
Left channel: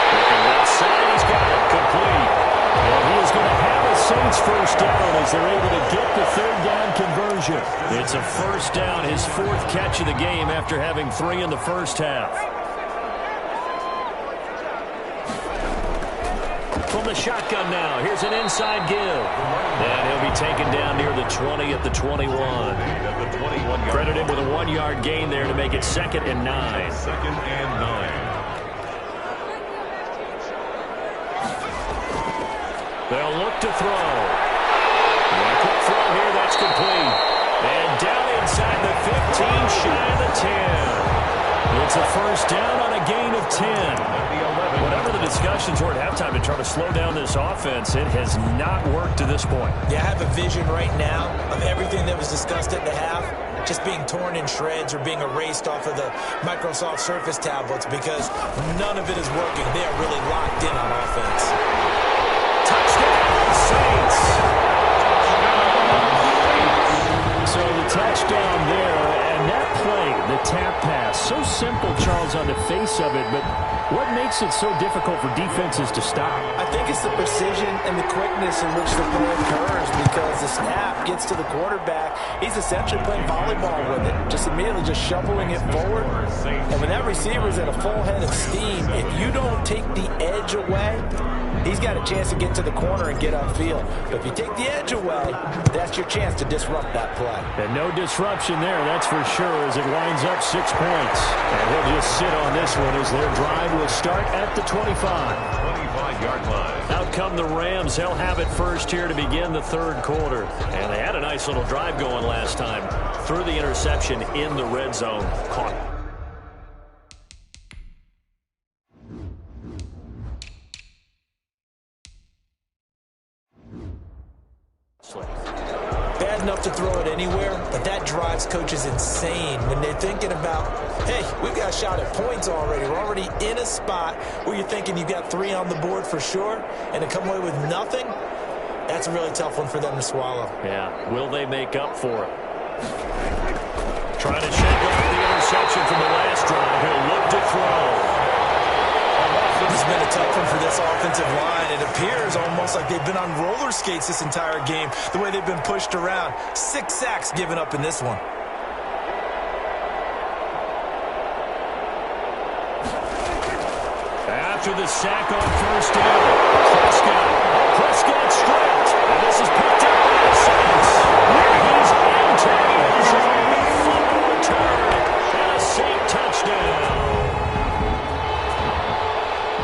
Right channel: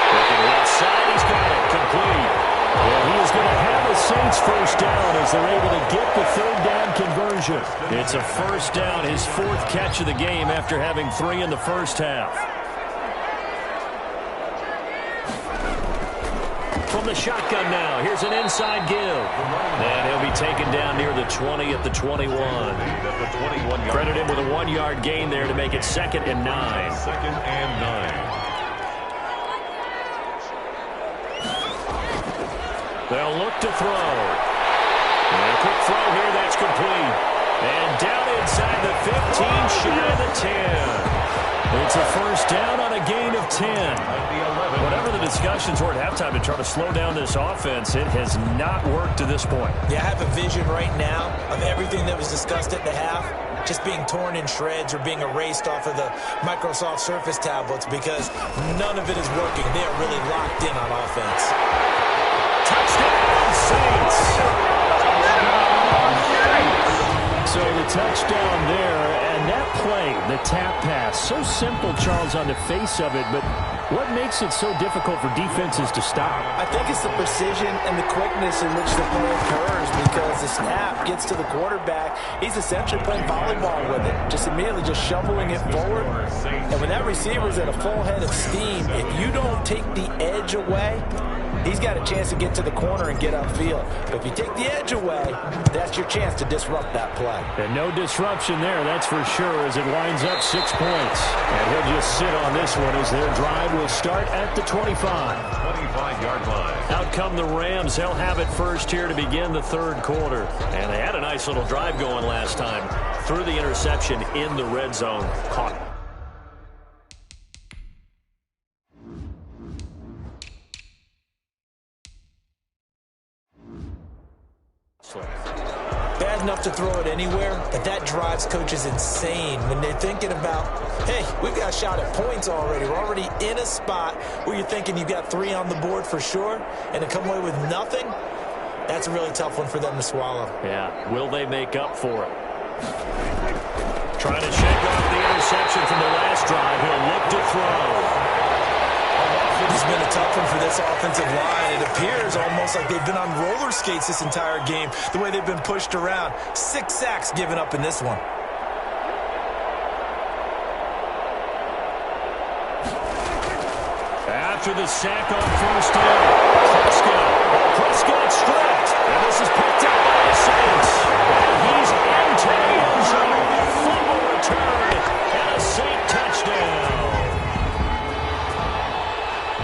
Looking left side, he's got it complete. And he is going to have a Saints first down as they're able to get the 3rd down conversion. It's a first down, his 4th catch of the game after having 3 in the first half. From the shotgun now, here's an inside give. And he'll be taken down near the 20 at the 21. Credit him with a 1-yard gain there to make it 2nd and 9. 2nd and 9. They'll look to throw. And a quick throw here, that's complete. And down inside the 15, shy of the 10. It's a first down on a gain of 10. Whatever the discussions were at halftime to try to slow down this offense, it has not worked to this point. Yeah, I have a vision right now of everything that was discussed at the half just being torn in shreds or being erased off of the Microsoft Surface tablets because none of it is working. They are really locked in on offense. Touchdown, Saints! So the touchdown there, and that play, the tap pass, so simple, Charles, on the face of it, but What makes it so difficult for defenses to stop? I think it's the precision and the quickness in which the play occurs, because the snap gets to the quarterback. He's essentially playing volleyball with it, just immediately just shoveling it forward. And when that receiver's at a full head of steam, if you don't take the edge away, he's got a chance to get to the corner and get upfield. But if you take the edge away, that's your chance to disrupt that play. And no disruption there, that's for sure, as it winds up 6 points. And he'll just sit on this one as their drive will start at the 25. 25-yard line. Out come the Rams. They'll have it first here to begin the third quarter. And they had a nice little drive going last time. Threw the interception in the red zone. Caught it. Bad enough to throw it anywhere, but that drives coaches insane when they're thinking about, hey, we've got a shot at points already. We're already in a spot where you're thinking you've got 3 on the board for sure, and to come away with nothing, that's a really tough one for them to swallow. Yeah, will they make up for it? Trying to shake off the interception from the last drive. He'll look to throw. It's been a tough one for this offensive line. It appears almost like they've been on roller skates this entire game, the way they've been pushed around. 6 sacks given up in this one. After the sack on first down, Prescott stripped, and this is picked up by the Saints. And he's into the end zone. A fumble return and a Saint touchdown.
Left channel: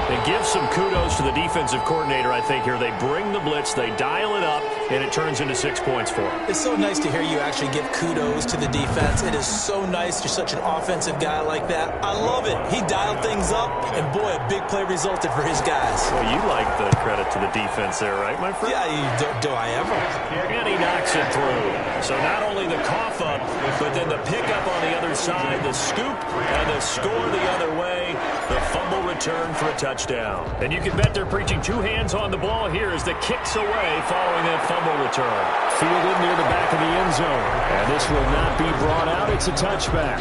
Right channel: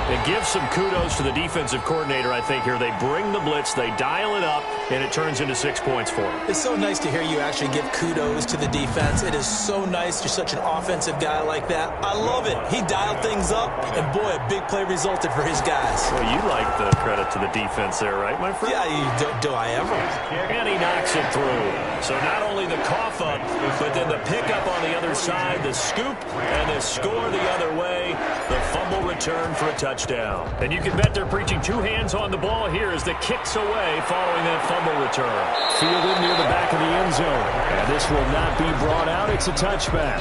It gives some kudos to the defensive coordinator, I think, here. They bring the blitz, they dial it up, and it turns into 6 points for them. It's so nice to hear you actually give kudos to the defense. It is so nice. You're such an offensive guy like that. I love it. He dialed things up, and boy, a big play resulted for his guys. Well, you like the credit to the defense there, right, my friend? Yeah, do I ever? And he knocks it through. So not only the cough up, but then the pickup on the other side, the scoop, and the score the other way. The fumble return for a touchdown. And you can bet they're preaching 2 hands on the ball here as the kick's away following that fumble return. Fielded near the back of the end zone. And this will not be brought out. It's a touchback.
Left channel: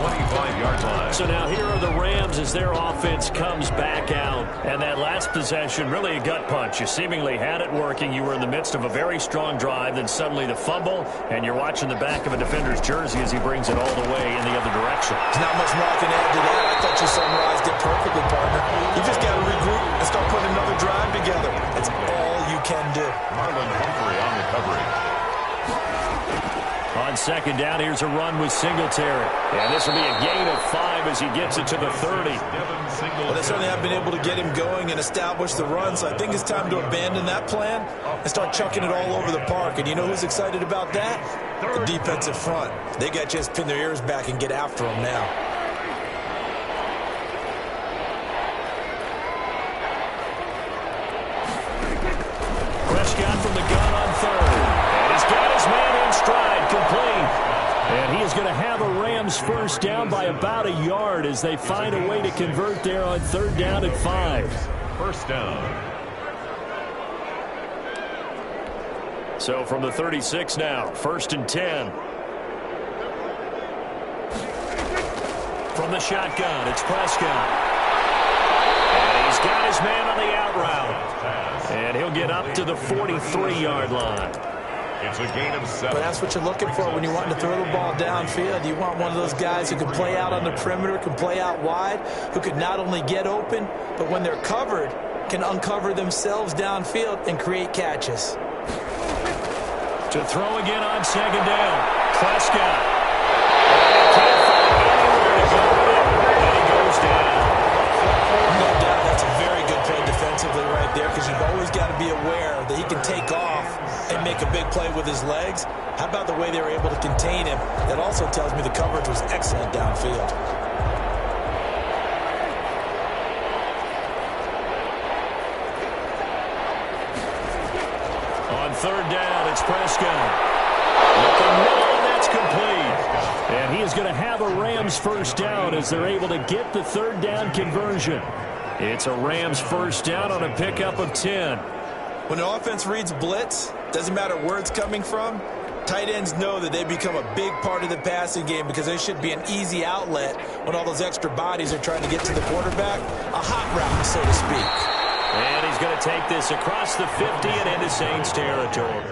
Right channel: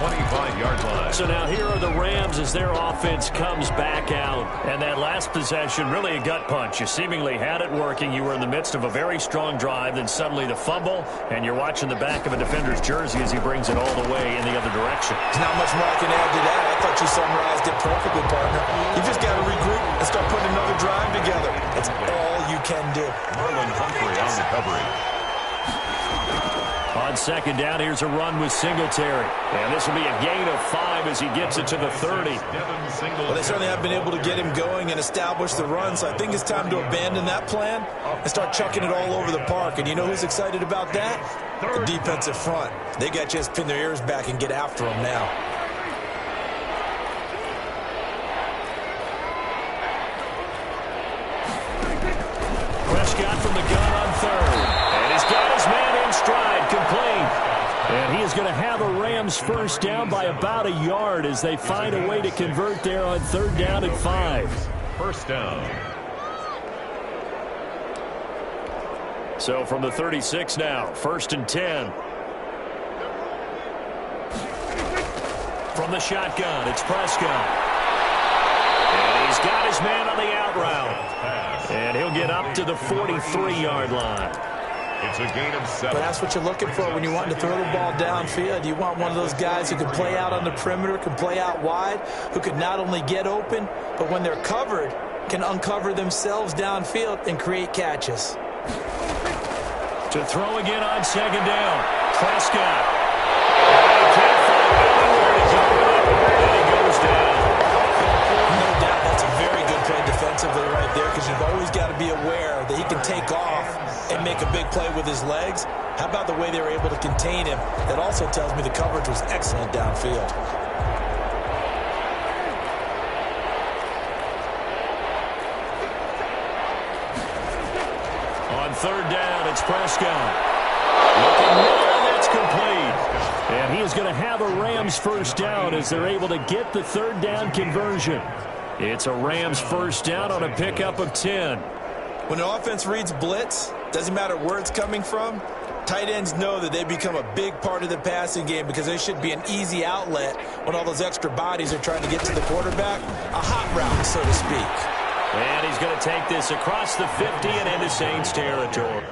25-yard line. So now here are the Rams as their offense comes back out. And that last possession, really a gut punch. You seemingly had it working. You were in the midst of a very strong drive. Then suddenly the fumble, and you're watching the back of a defender's jersey as he brings it all the way in the other direction. There's not much more I can add to that. I thought you summarized it perfectly, partner. You just got to regroup and start putting another drive together. That's all you can do. Marlon Humphrey on the coverage. On second down, here's a run with Singletary. And this will be a gain of 5 as he gets it to the 30. Well, they certainly have been able to get him going and establish the run, so I think it's time to abandon that plan and start chucking it all over the park. And you know who's excited about that? The defensive front. They got to just pin their ears back and get after him now. Prescott from the gun on third. And he's got his man in stride, complete. And he is going to have a Rams first down by about a yard as they find a way to convert there on third down and 5. First down. So from the 36 now, first and 10. From the shotgun, it's Prescott. And he's got his man on the out route. And he'll get up to the 43-yard line. It's a gain of 7. But that's what you're looking for when you want to throw the ball downfield. You want one of those guys who can play out on the perimeter, can play out wide, who could not only get open, but when they're covered, can uncover themselves downfield and create catches. To throw again on second down, Prescott. And he can't find anywhere to go with it, and he goes down. No doubt that's a very good play defensively right there, because you've always got to be aware that he can take off and make a big play with his legs. How about the way they were able to contain him? That also tells me the coverage was excellent downfield. On third down, it's Prescott. Looking middle, and that's complete. And he is going to have a Rams first down as they're able to get the third down conversion. It's a Rams first down on a pickup of 10. When an offense reads blitz, doesn't matter where it's coming from, Tight ends know that they become a big part of the passing game because they should be an easy outlet when all those extra bodies are trying to get to the quarterback. A hot route, so to speak. And he's going to take this across the 50 and into Saints territory.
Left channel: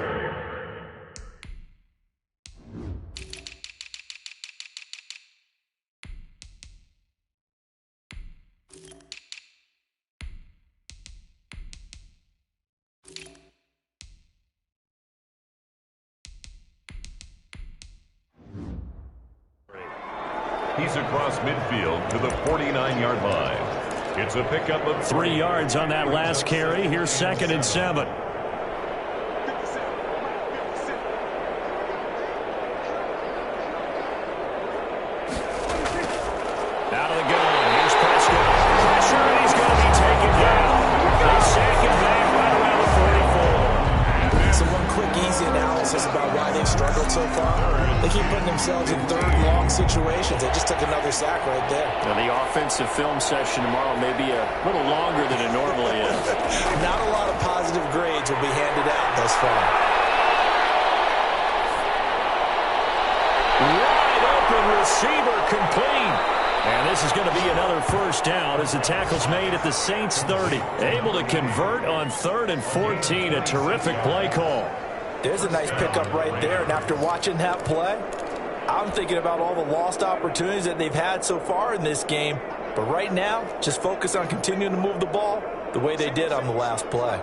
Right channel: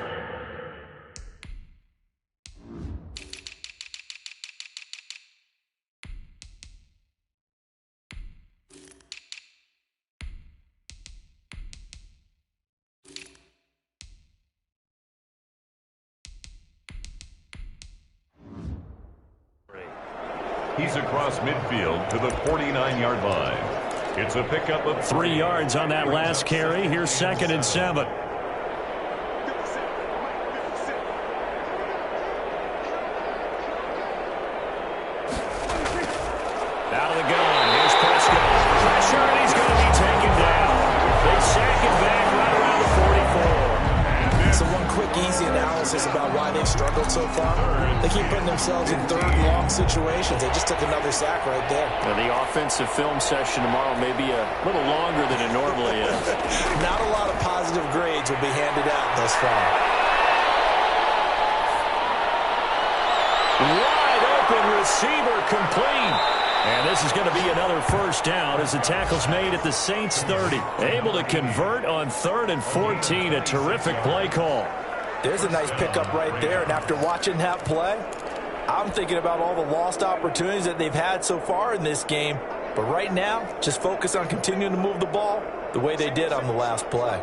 He's across midfield to the 49-yard line. It's a pickup of 3 yards on that last carry. Here's 2nd and 7. Out of the gun. Here's Prescott. Pressure, and he's going to be taken down. They sack him back right around the 44. So one quick, easy analysis about why they've struggled so far. They keep putting themselves in 3rd and long situations. They just took another sack right there. Now, the offensive film session tomorrow may be a little longer than it normally is. Not a lot of positive grades will be handed out thus far. Wide open receiver complete. And this is going to be another first down as the tackle's made at the Saints 30. Able to convert on 3rd and 14. A terrific play call. There's a nice pickup right there. And after watching that play, I'm thinking about all the lost opportunities that they've had so far in this game. But right now, just focus on continuing to move the ball the way they did on the last play.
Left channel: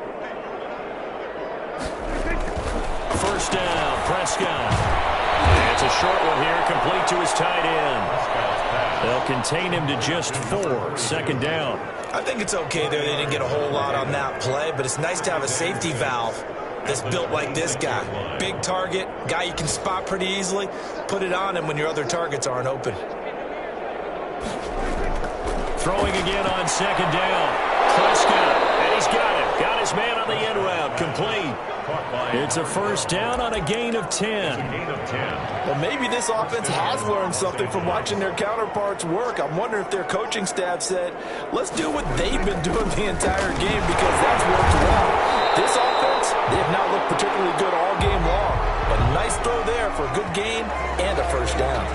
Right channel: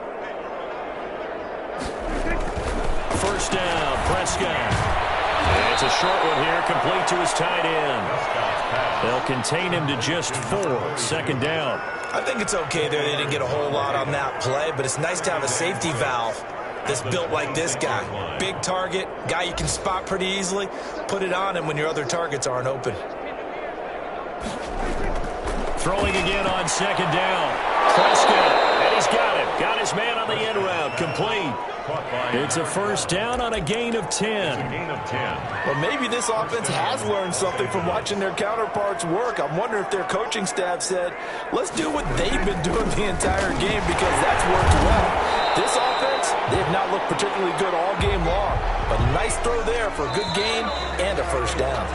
First down, Prescott. It's a short one here, complete to his tight end. They'll contain him to just 4. 2nd down. I think it's okay there. They didn't get a whole lot on that play, but it's nice to have a safety valve that's built like this guy. Big target, guy you can spot pretty easily. Put it on him when your other targets aren't open. Throwing again on 2nd down. Prescott, and he's got him. Got his man on the end route, complete. It's a first down on a gain of 10. Well, maybe this offense has learned something from watching their counterparts work. I'm wondering if their coaching staff said, let's do what they've been doing the entire game because that's worked well. This offense, they have not looked particularly good all game long. But a nice throw there for a good gain and a first down.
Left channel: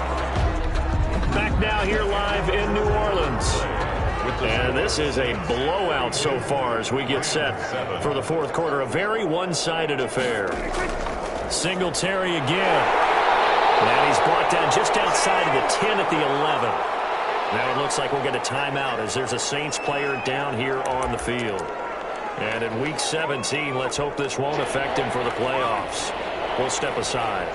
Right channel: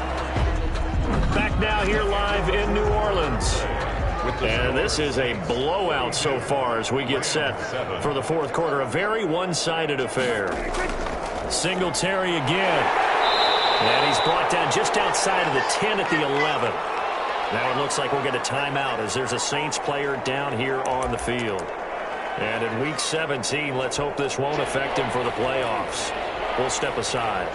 Back now here live in New Orleans. And this is a blowout so far as we get set for the 4th quarter. A very one-sided affair. Singletary again. And he's brought down just outside of the 10 at the 11. Now it looks like we'll get a timeout as there's a Saints player down here on the field. And in Week 17, let's hope this won't affect him for the playoffs. We'll step aside.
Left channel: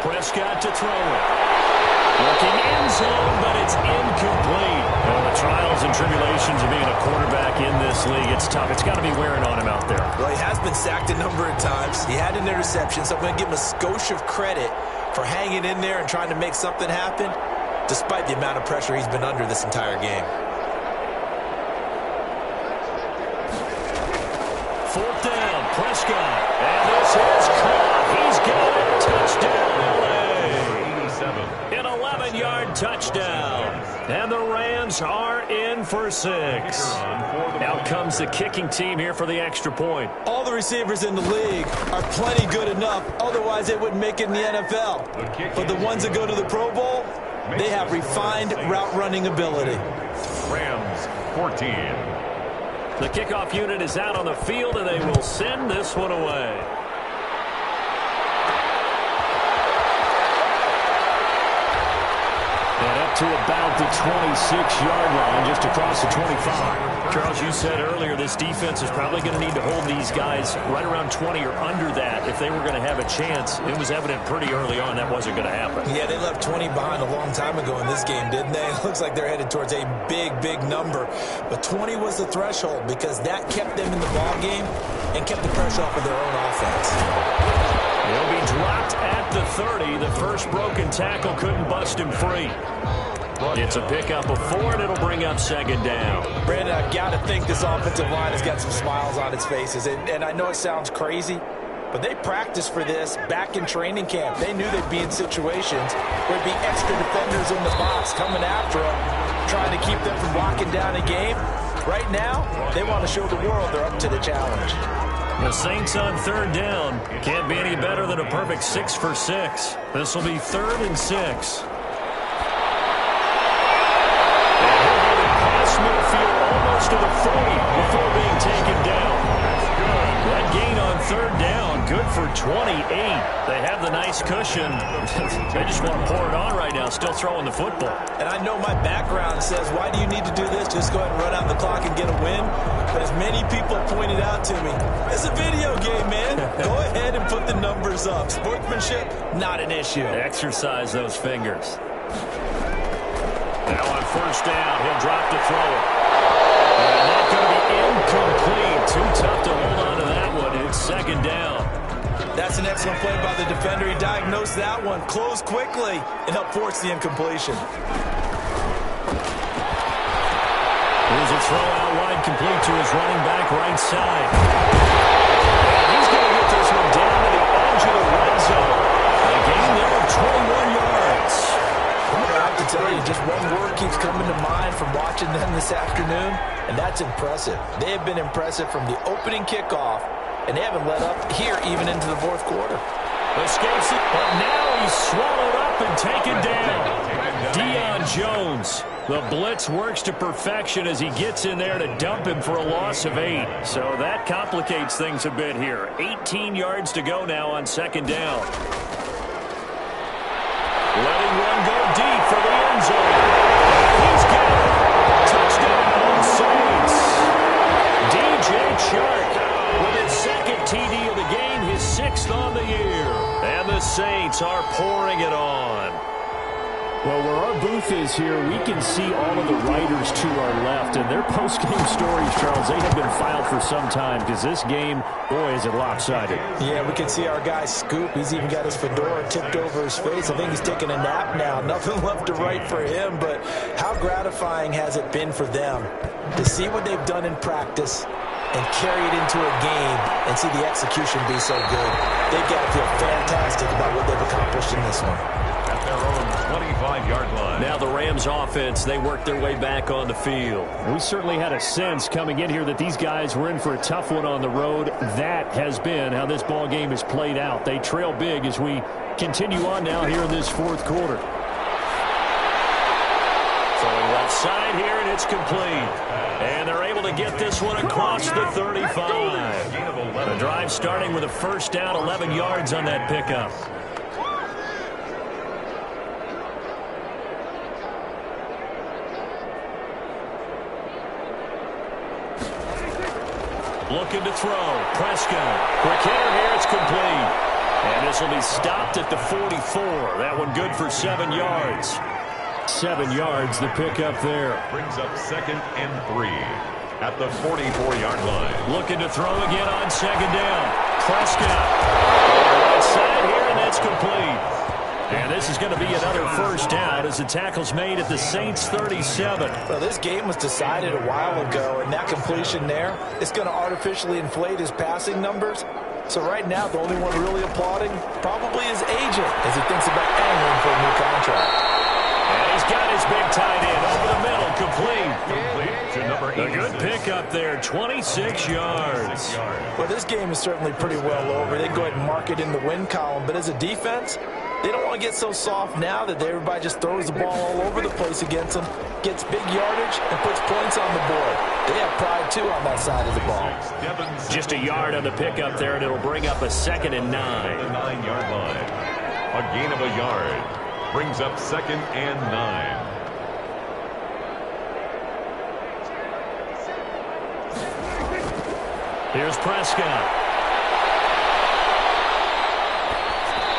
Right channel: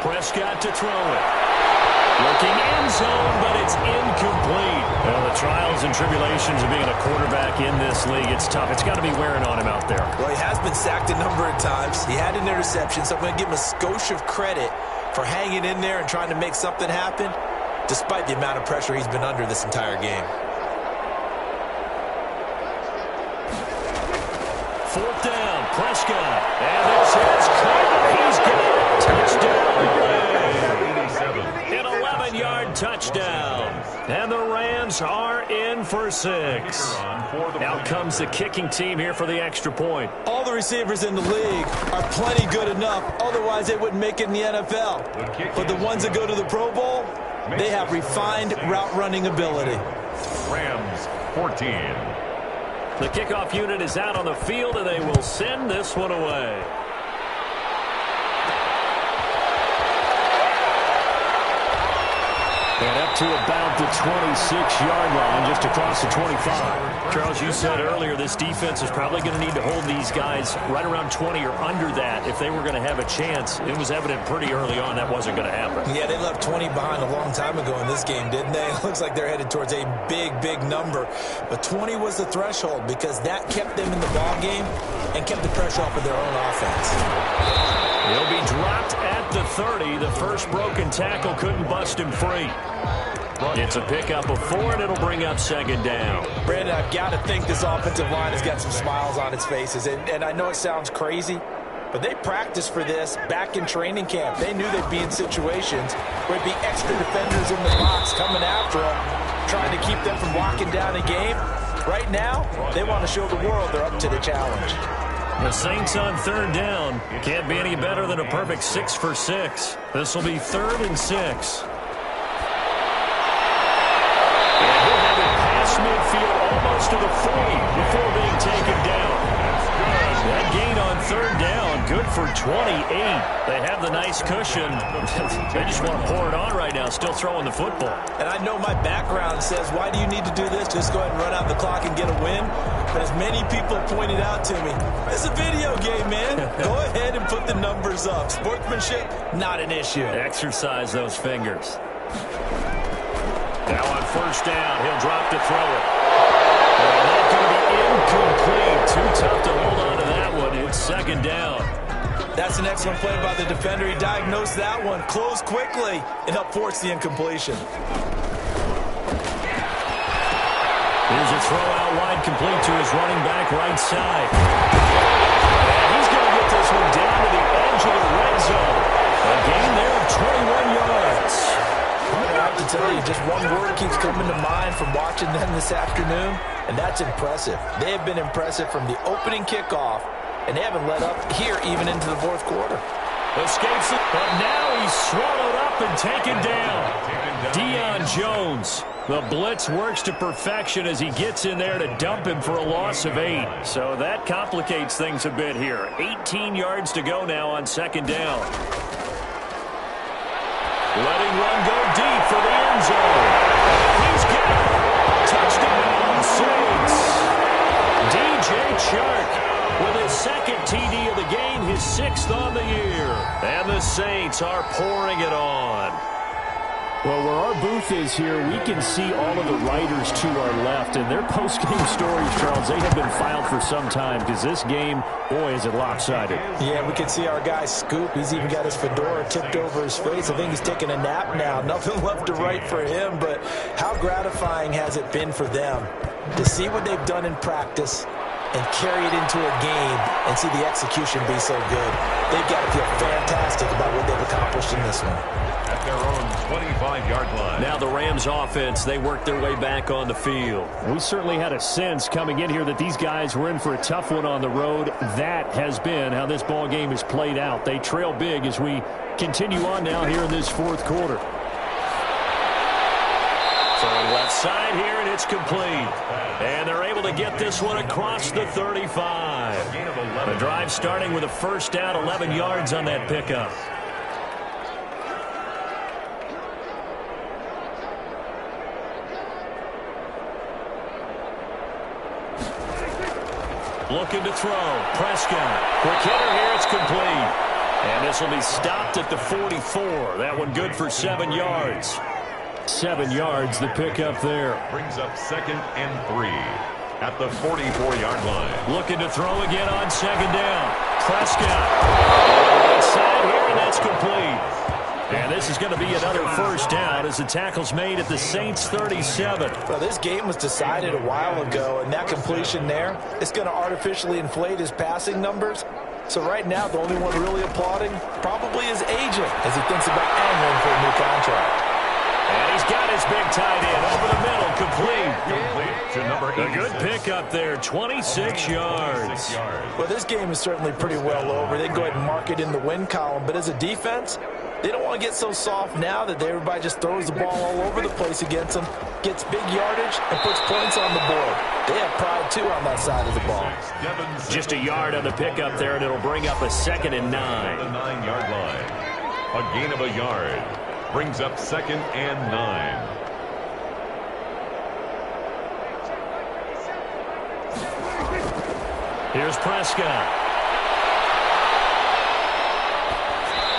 Prescott to throw it. Looking end zone, but it's incomplete. Well, the trials and tribulations of being a quarterback in this league, it's tough. It's got to be wearing on him out there. Well, he has been sacked a number of times. He had an interception, so I'm going to give him a skosh of credit for hanging in there and trying to make something happen, despite the amount of pressure he's been under this entire game. 4th down, Prescott. And this is caught. He's got it. Touchdown, LA. 87. An 11-yard touchdown. And the Rams are in for 6. Out comes the kicking team here for the extra point. All the receivers in the league are plenty good enough. Otherwise, they wouldn't make it in the NFL. But the ones that go to the Pro Bowl, they have refined route running ability. Rams 14. The kickoff unit is out on the field, and they will send this one away. And up to about the 26-yard line, just across the 25. Charles, you said earlier this defense is probably going to need to hold these guys right around 20 or under that if they were going to have a chance. It was evident pretty early on that wasn't going to happen. Yeah, they left 20 behind a long time ago in this game, didn't they? It looks like they're headed towards a big, big number. But 20 was the threshold because that kept them in the ball game and kept the pressure off of their own offense. He'll be dropped at the 30. The first broken tackle couldn't bust him free. It's a pickup of 4, and it'll bring up 2nd down. Brandon, I've got to think this offensive line has got some smiles on its faces. And I know it sounds crazy, but they practiced for this back in training camp. They knew they'd be in situations where it'd be extra defenders in the box coming after them. trying to keep them from locking down a game. Right now, they want to show the world they're up to the challenge. The Saints on third down. Can't be any better than a perfect 6 for 6. This will be 3rd and 6. And he'll have it past midfield almost to the 40 before being taken down. That's good. That gain on third down, good for 28. They have the nice cushion. They just want to pour it on right now, still throwing the football. And I know my background says, why do you need to do this? Just go ahead and run out the clock and get a win. But as many people pointed out to me, it's a video game, man. Go ahead and put the numbers up. Sportsmanship, not an issue. Exercise those fingers. Now on first down, he'll drop to throw it. And that's going to be incomplete. Too tough to hold on to that one. It's 2nd down. That's an excellent play by the defender. He diagnosed that one, closed quickly, and helped force the incompletion. Here's a throw out wide, complete to his running back right side. And he's going to get this one down to the edge of the red zone. A gain there of 21 yards. Partner, I have to tell you, just one word keeps coming to mind from watching them this afternoon, and that's impressive. They have been impressive from the opening kickoff, and they haven't let up here even into the 4th quarter. Escapes it, but now he's swallowed up and taken down. Deion Jones. The blitz works to perfection as he gets in there to dump him for a loss of 8. So that complicates things a bit here. 18 yards to go now on 2nd down. Letting one go deep for the end zone. And he's got it. Touchdown, Saints. DJ Chark with his 2nd TD of the game, his 6th on the year. And the Saints are pouring it on. Well, where our booth is here, we can see all of the writers to our left. And their post-game stories, Charles, they have been filed for some time because this game, boy, is it lopsided. Yeah, we can see our guy Scoop. He's even got his fedora tipped over his face. I think he's taking a nap now. Nothing left to write for him, but how gratifying has it been for them to see what they've done in practice and carry it into a game and see the execution be so good. They've got to feel fantastic about what they've accomplished in this one. At their own 25-yard line. Now the Rams offense, they work their way back on the field. We certainly had a sense coming in here that these guys were in for a tough one on the road. That has been how this ball game has played out. They trail big as we continue on now here in this 4th quarter. Throwing left side here, and it's complete. And they're able to get this one across the 35. The drive starting with a first down, 11 yards on that pickup. Looking to throw. Prescott. Quick hitter here. It's complete. And this will be stopped at the 44. That one good for 7 yards. 7 yards, the pickup there. Brings up 2nd and 3 at the 44-yard line. Looking to throw again on 2nd down. Prescott. On the right side here, and that's complete. And this is going to be another first down as the tackle's made at the Saints' 37. Well, this game was decided a while ago, and that completion there is going to artificially inflate his passing numbers. So right now, the only one really applauding probably his agent as he thinks about angling for a new contract. And he's got his big tight end over the middle, complete. To number 86. A good pickup there, 26 yards. Well, this game is certainly pretty well over. They can go ahead and mark it in the win column, but as a defense, they don't want to get so soft now that everybody just throws the ball all over the place against them, gets big yardage, and puts points on the board. They have pride, too, on that side of the ball. Just a yard on the pickup there, and it'll bring up a 2nd and 9. The 9-yard line. A gain of a yard. Brings up 2nd and 9. Here's Prescott.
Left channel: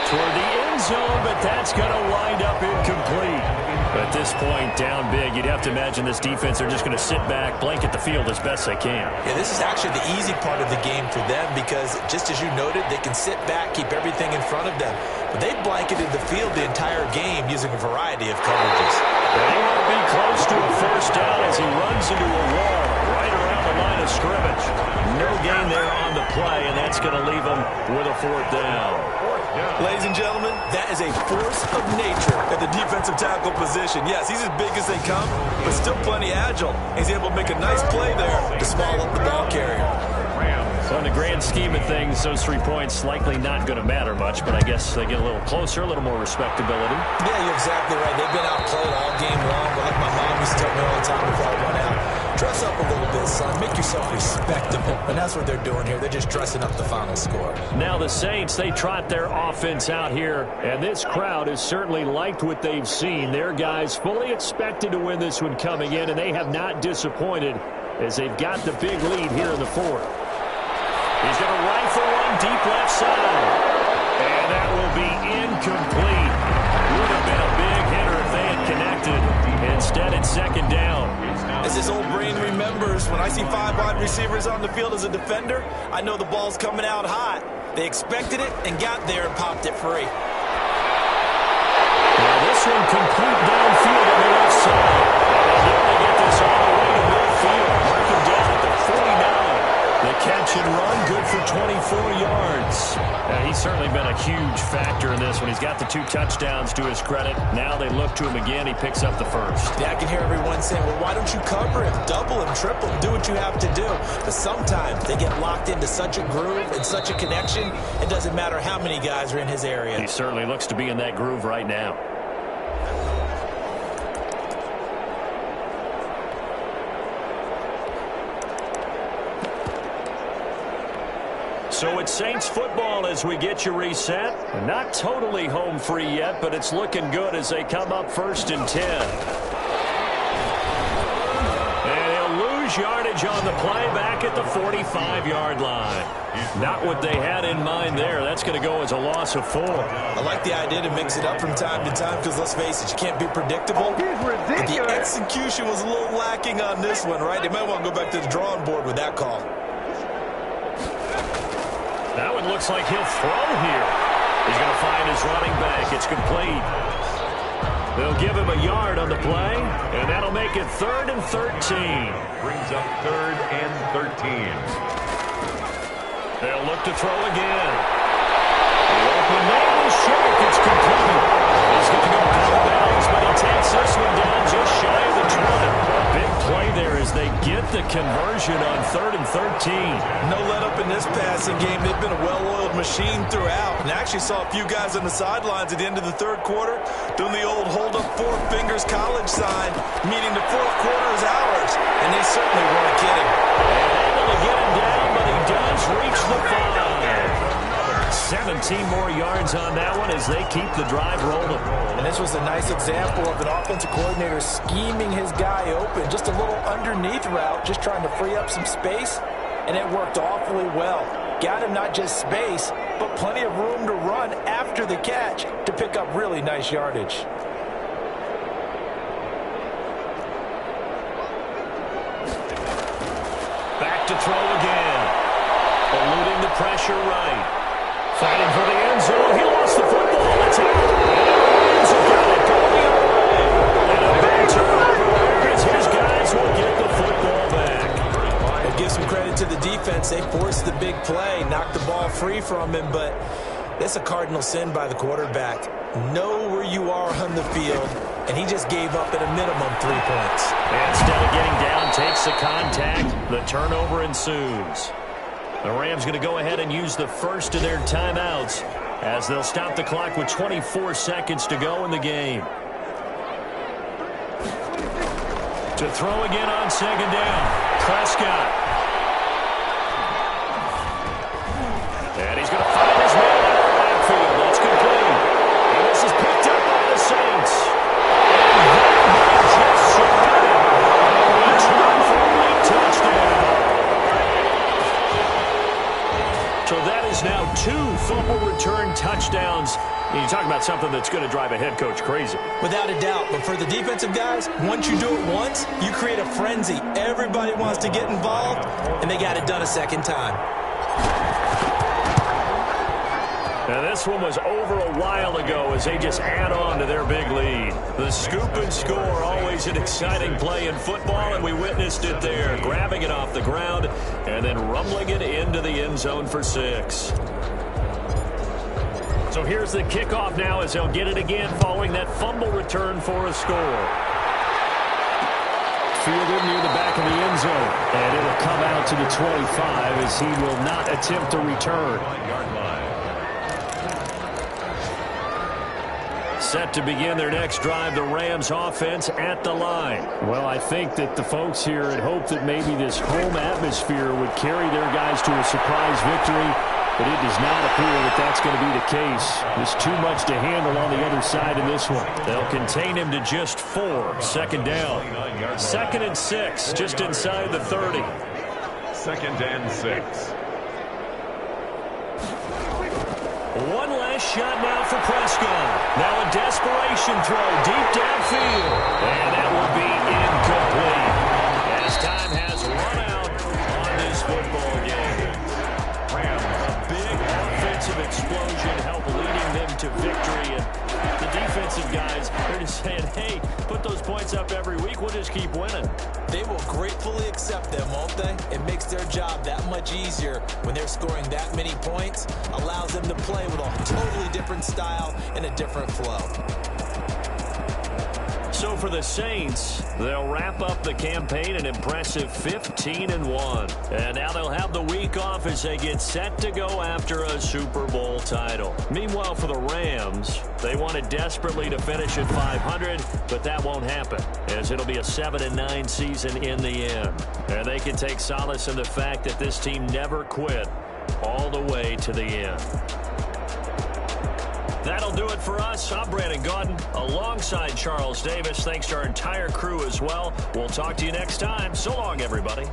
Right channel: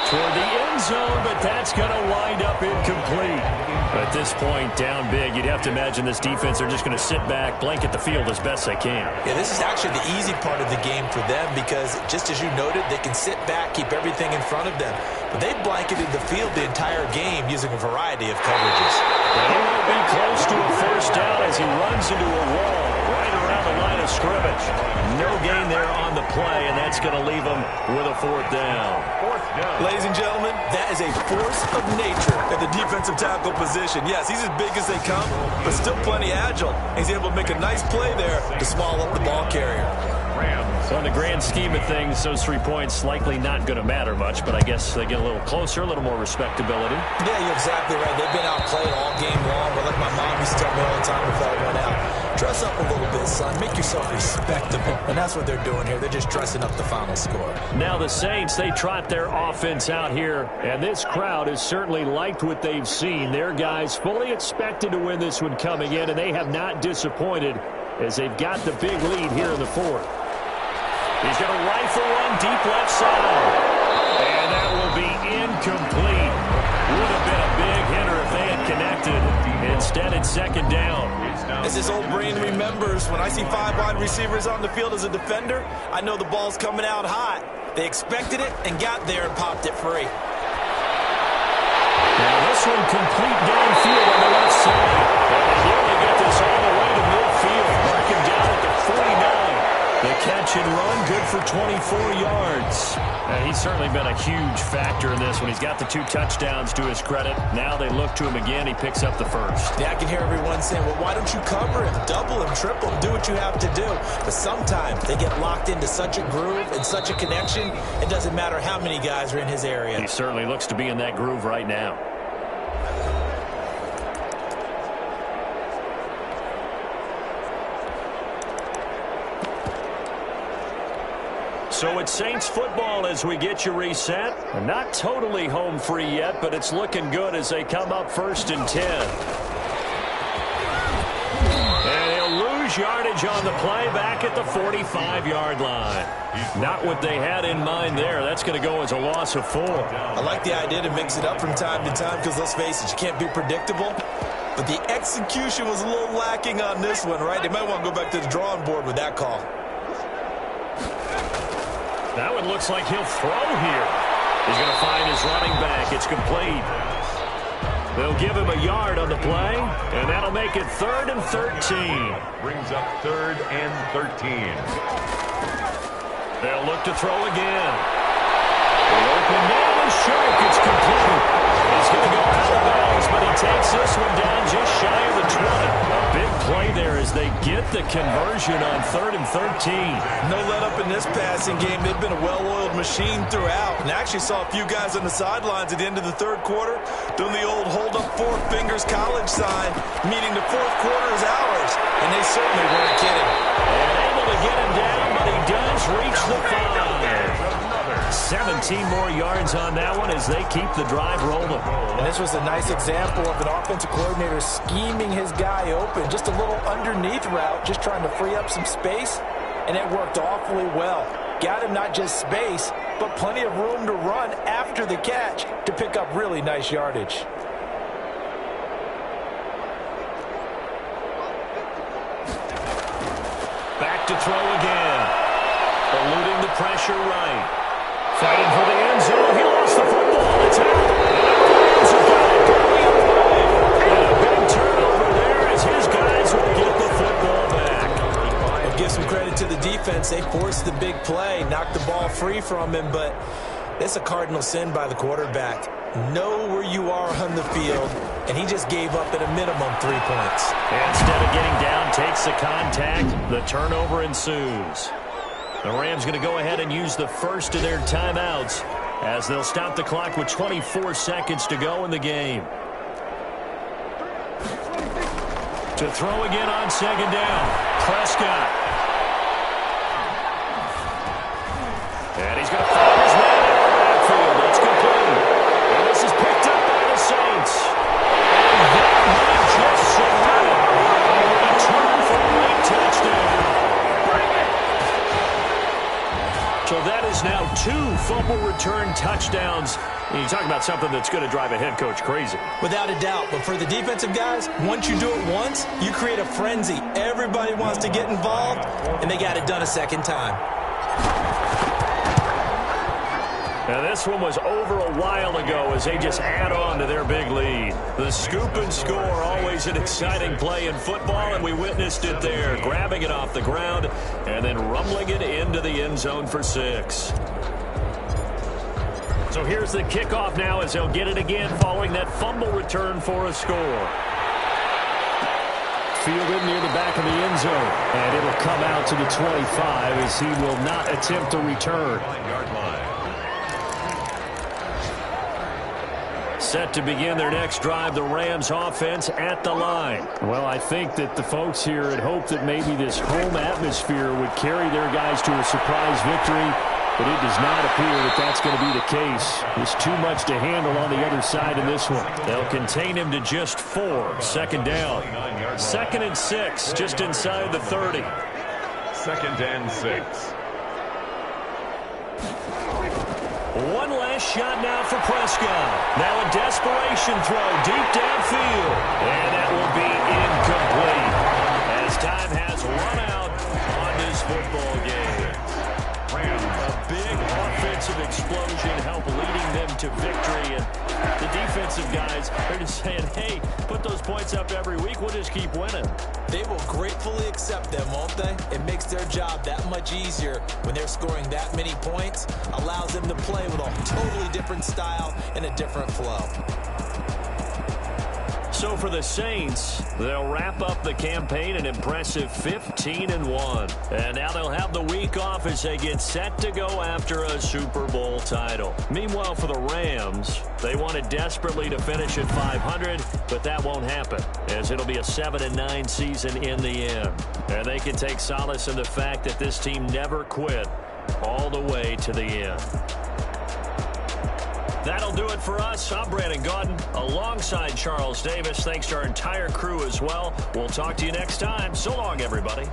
Toward the end zone, but that's going to wind up incomplete. At this point, down big, you'd have to imagine this defense are just going to sit back, blanket the field as best they can. Yeah, this is actually the easy part of the game for them because, just as you noted, they can sit back, keep everything in front of them. But they've blanketed the field the entire game using a variety of coverages. And he won't be close to a first down as he runs into a wall right around the line of scrimmage. No gain there on the play, and that's going to leave them with a fourth down. Ladies and gentlemen, that is a force of nature at the defensive tackle position. Yes, he's as big as they come, but still plenty agile. He's able to make a nice play there to swallow up the ball carrier. So in the grand scheme of things, those 3 points likely not going to matter much, but I guess they get a little closer, a little more respectability. Yeah, you're exactly right. They've been outplayed all game long, but like my mom used to tell me all the time before I went out, dress up a little bit, son. Make yourself respectable. And that's what they're doing here. They're just dressing up the final score. Now the Saints, they trot their offense out here, and this crowd has certainly liked what they've seen. Their guys fully expected to win this one coming in, and they have not disappointed as they've got the big lead here in the fourth. He's going to rifle one deep left side. And that will be incomplete. Would have been a big hitter if they had connected. Instead, it's second down. As his old brain remembers, when I see 5 wide receivers on the field as a defender, I know the ball's coming out hot. They expected it and got there and popped it free. Now this one complete downfield on the left side. And they nearly get this all the way to midfield. Mark him down at the 49. The catch and run, good for 24 yards. He's certainly been a huge factor in this one. He's got the 2 touchdowns to his credit. Now they look to him again. He picks up the first. Yeah, I can hear everyone saying, well, why don't you cover him? Double him, triple him, do what you have to do. But sometimes they get locked into such a groove and such a connection, it doesn't matter how many guys are in his area. He certainly looks to be in that groove right now. So it's Saints football as we get you reset. Not totally home free yet, but it's looking good as they come up 1st and 10. And he'll lose yardage on the play back at the 45-yard line. Not what they had in mind there. That's going to go as a loss of 4. I like the idea to mix it up from time to time because, let's face it, you can't be predictable. But the execution was a little lacking on this one, right? They might want to go back to the drawing board with that call. That one looks like he'll throw here. He's going to find his running back. It's complete. They'll give him a yard on the play, and that'll make it 3rd and 13. Brings up 3rd and 13. They'll look to throw again. The open man was sharp. It's complete. He's going to go out of bounds, but he takes this one down just shy of the 20. A big play there as they get the conversion on 3rd and 13. No let up in this passing game. They've been a well-oiled machine throughout. And I actually saw a few guys on the sidelines at the end of the 3rd quarter doing the old hold up 4 fingers college sign, meaning the 4th quarter is ours. And they certainly weren't kidding. And able to get him down, but he does reach the 5. 17 more yards on that one as they keep the drive rolling. And this was a nice example of an offensive coordinator scheming his guy open. Just a little underneath route, just trying to free up some space, and it worked awfully well. Got him not just space, but plenty of room to run after the catch to pick up really nice yardage. Back to throw again. Eluding the pressure right. Fighting for the end zone. He lost the football. It's out. And the Rams have got it going the other way. And a big turnover there as his guys will get the football back. I'll give some credit to the defense. They forced the big play, knocked the ball free from him, but it's a cardinal sin by the quarterback. Know where you are on the field, and he just gave up at a minimum 3 points. And instead of getting down, takes the contact. The turnover ensues. The Rams going to go ahead and use the first of their timeouts as they'll stop the clock with 24 seconds to go in the game. To throw again on 2nd down. Prescott. And he's going to find his man out of the backfield. That's complete. And this is picked up by the Saints. And that might just submit it. A return for a late touchdown. So that is now 2 fumble return touchdowns. You talk about something that's going to drive a head coach crazy. Without a doubt. But for the defensive guys, once you do it once, you create a frenzy. Everybody wants to get involved, and they got it done a second time. And this one was over a while ago as they just add on to their big lead. The scoop and score, always an exciting play in football, and we witnessed it there, grabbing it off the ground and then rumbling it into the end zone for 6. So here's the kickoff now as they'll get it again following that fumble return for a score. Fielded near the back of the end zone, and it'll come out to the 25 as he will not attempt a return. Set to begin their next drive, the Rams offense at the line. Well, I think that the folks here had hoped that maybe this home atmosphere would carry their guys to a surprise victory, but it does not appear that that's going to be the case. There's too much to handle on the other side in this one. They'll contain him to just 4. Second down. 2nd and 6, just inside the 30. 2nd and 6. One last shot now for Prescott. Now a desperation throw deep downfield. And that will be incomplete as time has run out on this football game. A big offensive explosion helped leading them to victory. And the defensive guys, they're just saying, hey, put those points up every week. We'll just keep winning. They will gratefully accept them, won't they? It makes their job that much easier when they're scoring that many points. Allows them to play with a totally different style and a different flow. So for the Saints, they'll wrap up the campaign an impressive 15-1. And now they'll have the week off as they get set to go after a Super Bowl title. Meanwhile, for the Rams, they wanted desperately to finish at 500, but that won't happen, as it'll be a 7-9 season in the end. And they can take solace in the fact that this team never quit all the way to the end. That'll do it for us. I'm Brandon Gaudin alongside Charles Davis. Thanks to our entire crew as well. We'll talk to you next time. So long, everybody.